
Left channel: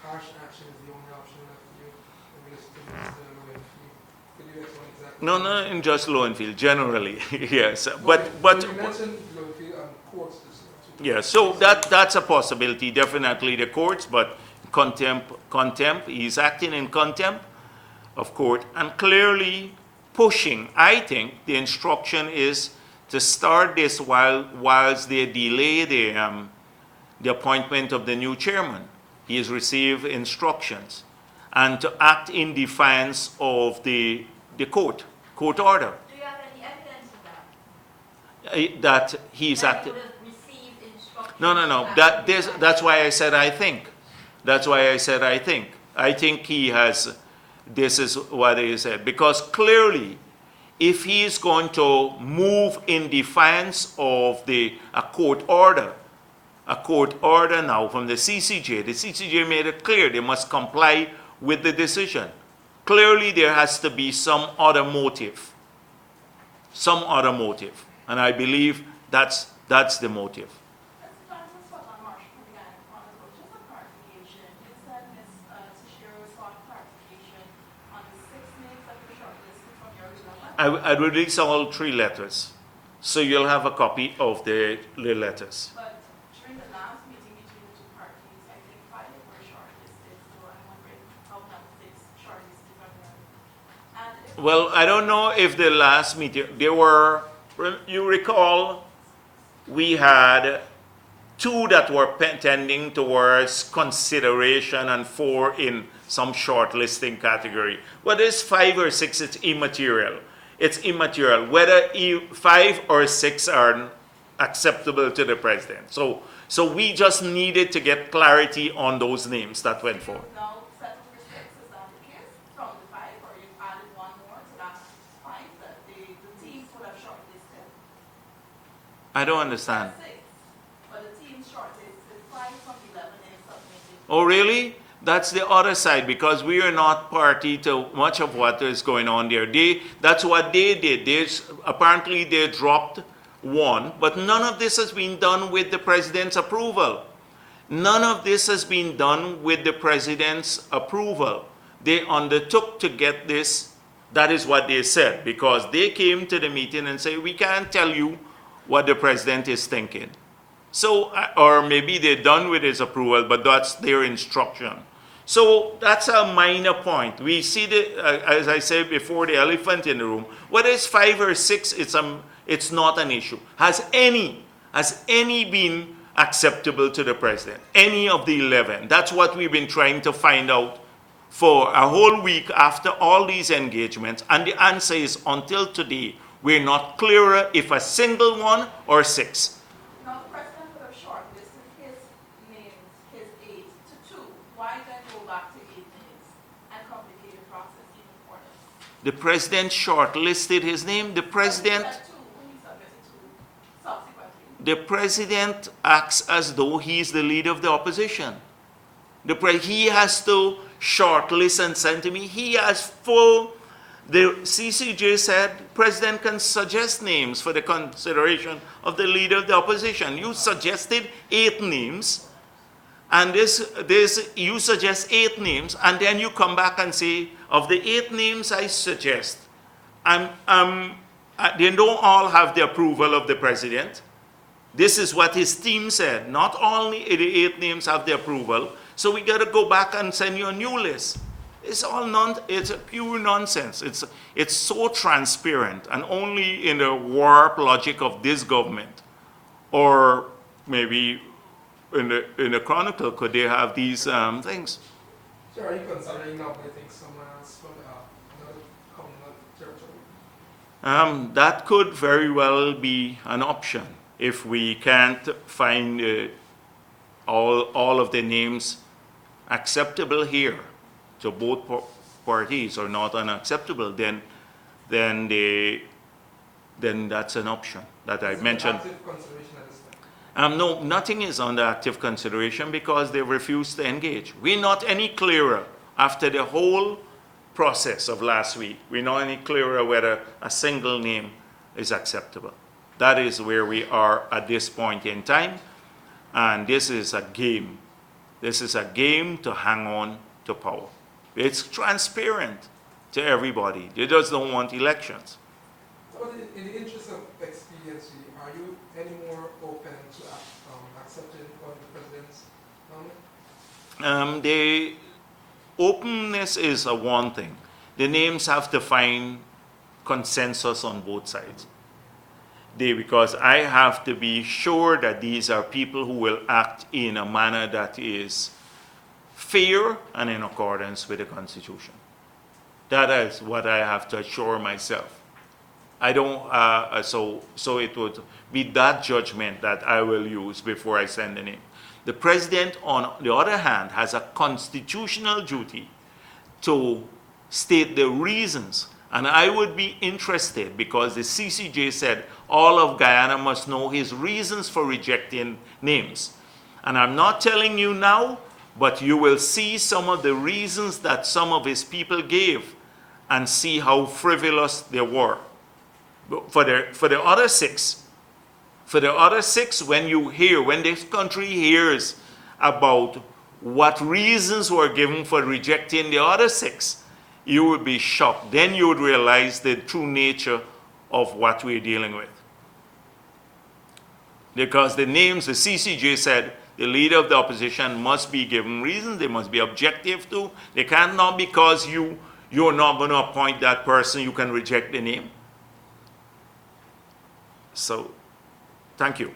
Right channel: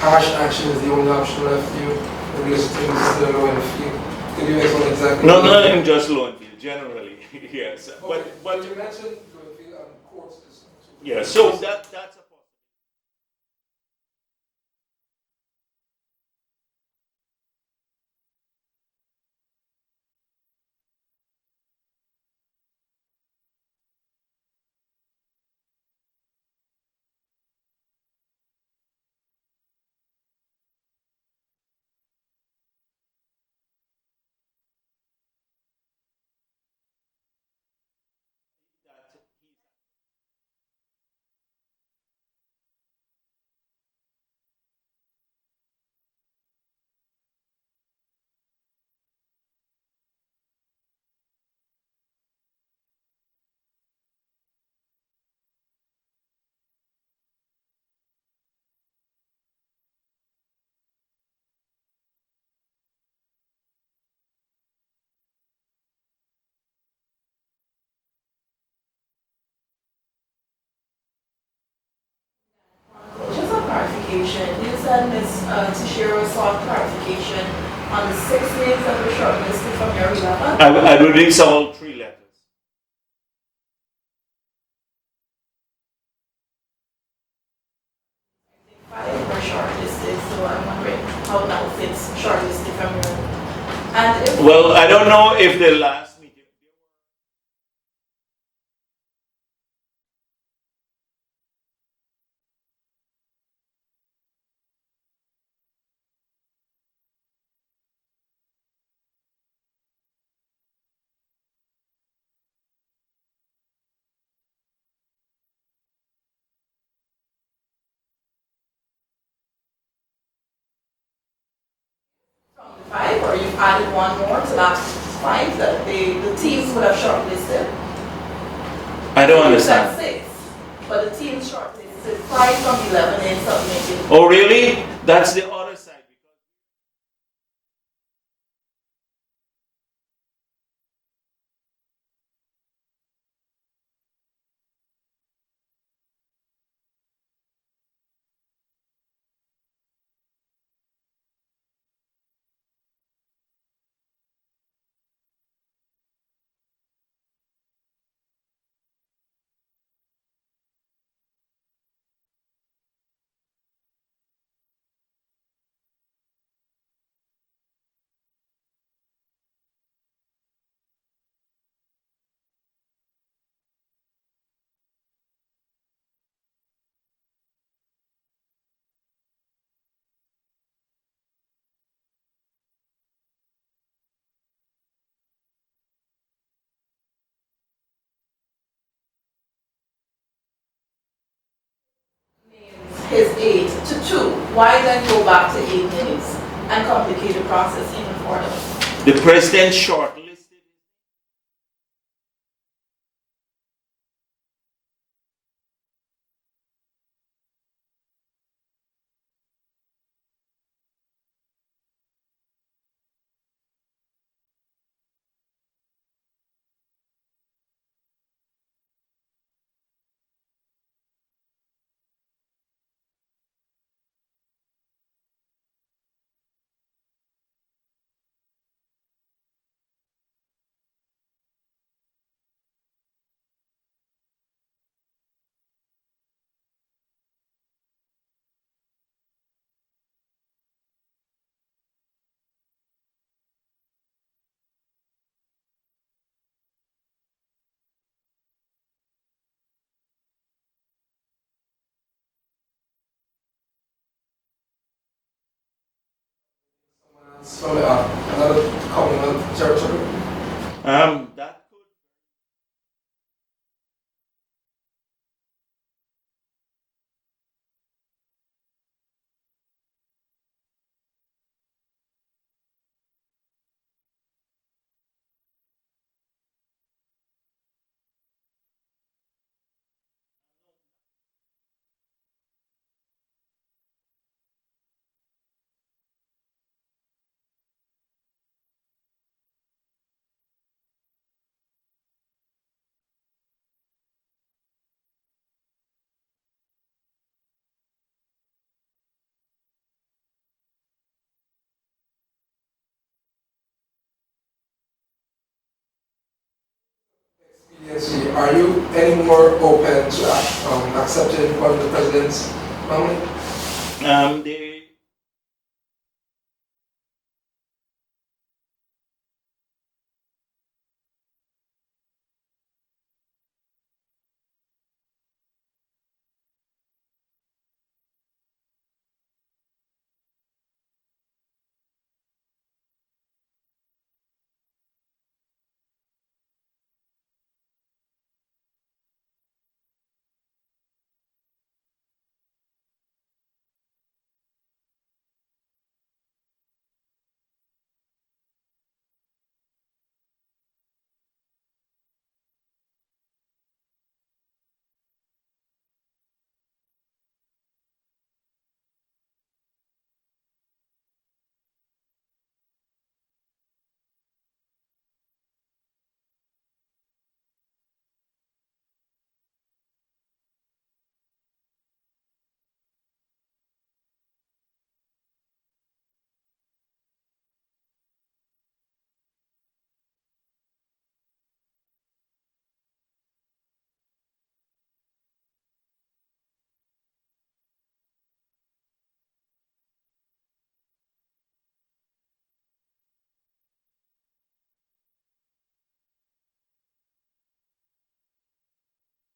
harsh action is the only option left for you in relation to the law and field. Could you explain exactly? No, not in just law and field, generally, yes. Okay. But So you mentioned law and field and courts. yeah, so that's a possibility, definitely the courts, but contempt, he's acting in contempt of court, and clearly pushing. I think the instruction is to start this whilst they delay the appointment of the new chairman. He has received instructions, and to act in defiance of the court order. Do you have any evidence of that? That he's That acting. you would have received instructions No. That's why I said I think. That's why I said I think. I think he has. This is what he said, because clearly, if he is going to move in defiance of a court order now from the CCJ made it clear they must comply with the decision. Clearly, there has to be some other motive, and I believe that's the motive. Just a clarification. You said Ms. Tashiro sought clarification on the 6 names that were shortlisted from your 11. I release all 3 letters, so you'll have a copy of the letters. But during the last meeting between the 2 parties, I think 5 were shortlisted, so I'm wondering how now it's shortlisted from your. And if Well, I don't know if the last meeting, you recall, we had 2 that were tending towards consideration and 4 in some shortlisting category. Whether it's 5 or 6, it's immaterial. It's immaterial. Whether 5 or 6 are acceptable to the president. So we just needed to get clarity on those names that went forward. Now, set of mistakes, is that the case? From the 5, or you've added one more to that 5 that the teams would have shortlisted? I don't You said understand. 6, but the team shortlisted 5 from 11 and submitted. Oh, really? That's the other side, because we are not party to much of what is going on there. That's what they did. Apparently they dropped one, but none of this has been done with the president's approval. None of this has been done with the president's approval. They undertook to get this. That is what they said, because they came to the meeting and said, we can't tell you what the president is thinking. So, or maybe they're done with his approval, but that's their instruction. So that's a minor point. We see as I said before, the elephant in the room. Whether it's 5 or 6, it's not an issue. Has any been acceptable to the president? Any of the 11? That's what we've been trying to find out for a whole week after all these engagements. And the answer is, until today, we're not clearer if a single one or 6. Now, the president would have shortlisted his names, his 8 to 2. Why then go back to 8 names and complicate the process even further? The president shortlisted his name. The president The president acts as though he's the leader of the opposition. He has to shortlist and send to me. He has full, the CCJ said, president can suggest names for the consideration of the leader of the opposition. You suggested 8 names, and you suggest 8 names, and then you come back and say, of the 8 names I suggest, they don't all have the approval of the president. This is what his team said. Not only the 8 names have the approval, so we got to go back and send you a new list. It's a pure nonsense. It's so transparent, and only in the warped logic of this government, or maybe in the Chronicle, could they have these things. So are you considering nominating someone else from another Commonwealth territory? That could very well be an option if we can't find all of the names acceptable here to both parties or not unacceptable, then that's an option that I mentioned. Active consideration at this time? No, nothing is under active consideration because they refused to engage. We're not any clearer after the whole process of last week. We're not any clearer whether a single name is acceptable. That is where we are at this point in time, and this is a game. This is a game to hang on to power. It's transparent to everybody. They just don't want elections. But in the interest of expediency, are you any more open to accepting one of the president's nominee? The openness is one thing. The names have to find consensus on both sides. Because I have to be sure that these are people who will act in a manner that is fair and in accordance with the Constitution. That is what I have to assure myself. I don't, so it would be that judgment that I will use before I send the name. The president, on the other hand, has a constitutional duty to state the reasons. And I would be interested, because the CCJ said all of Guyana must know his reasons for rejecting names. And I'm not telling you now, but you will see some of the reasons that some of his people gave and see how frivolous they were. For the other 6, when this country hears about what reasons were given for rejecting the other 6, you would be shocked. Then you would realize the true nature of what we're dealing with. Because the names, the CCJ said, the leader of the opposition must be given reasons, they must be objective too. They can't, not because you're not going to appoint that person, you can reject the name. So, thank you.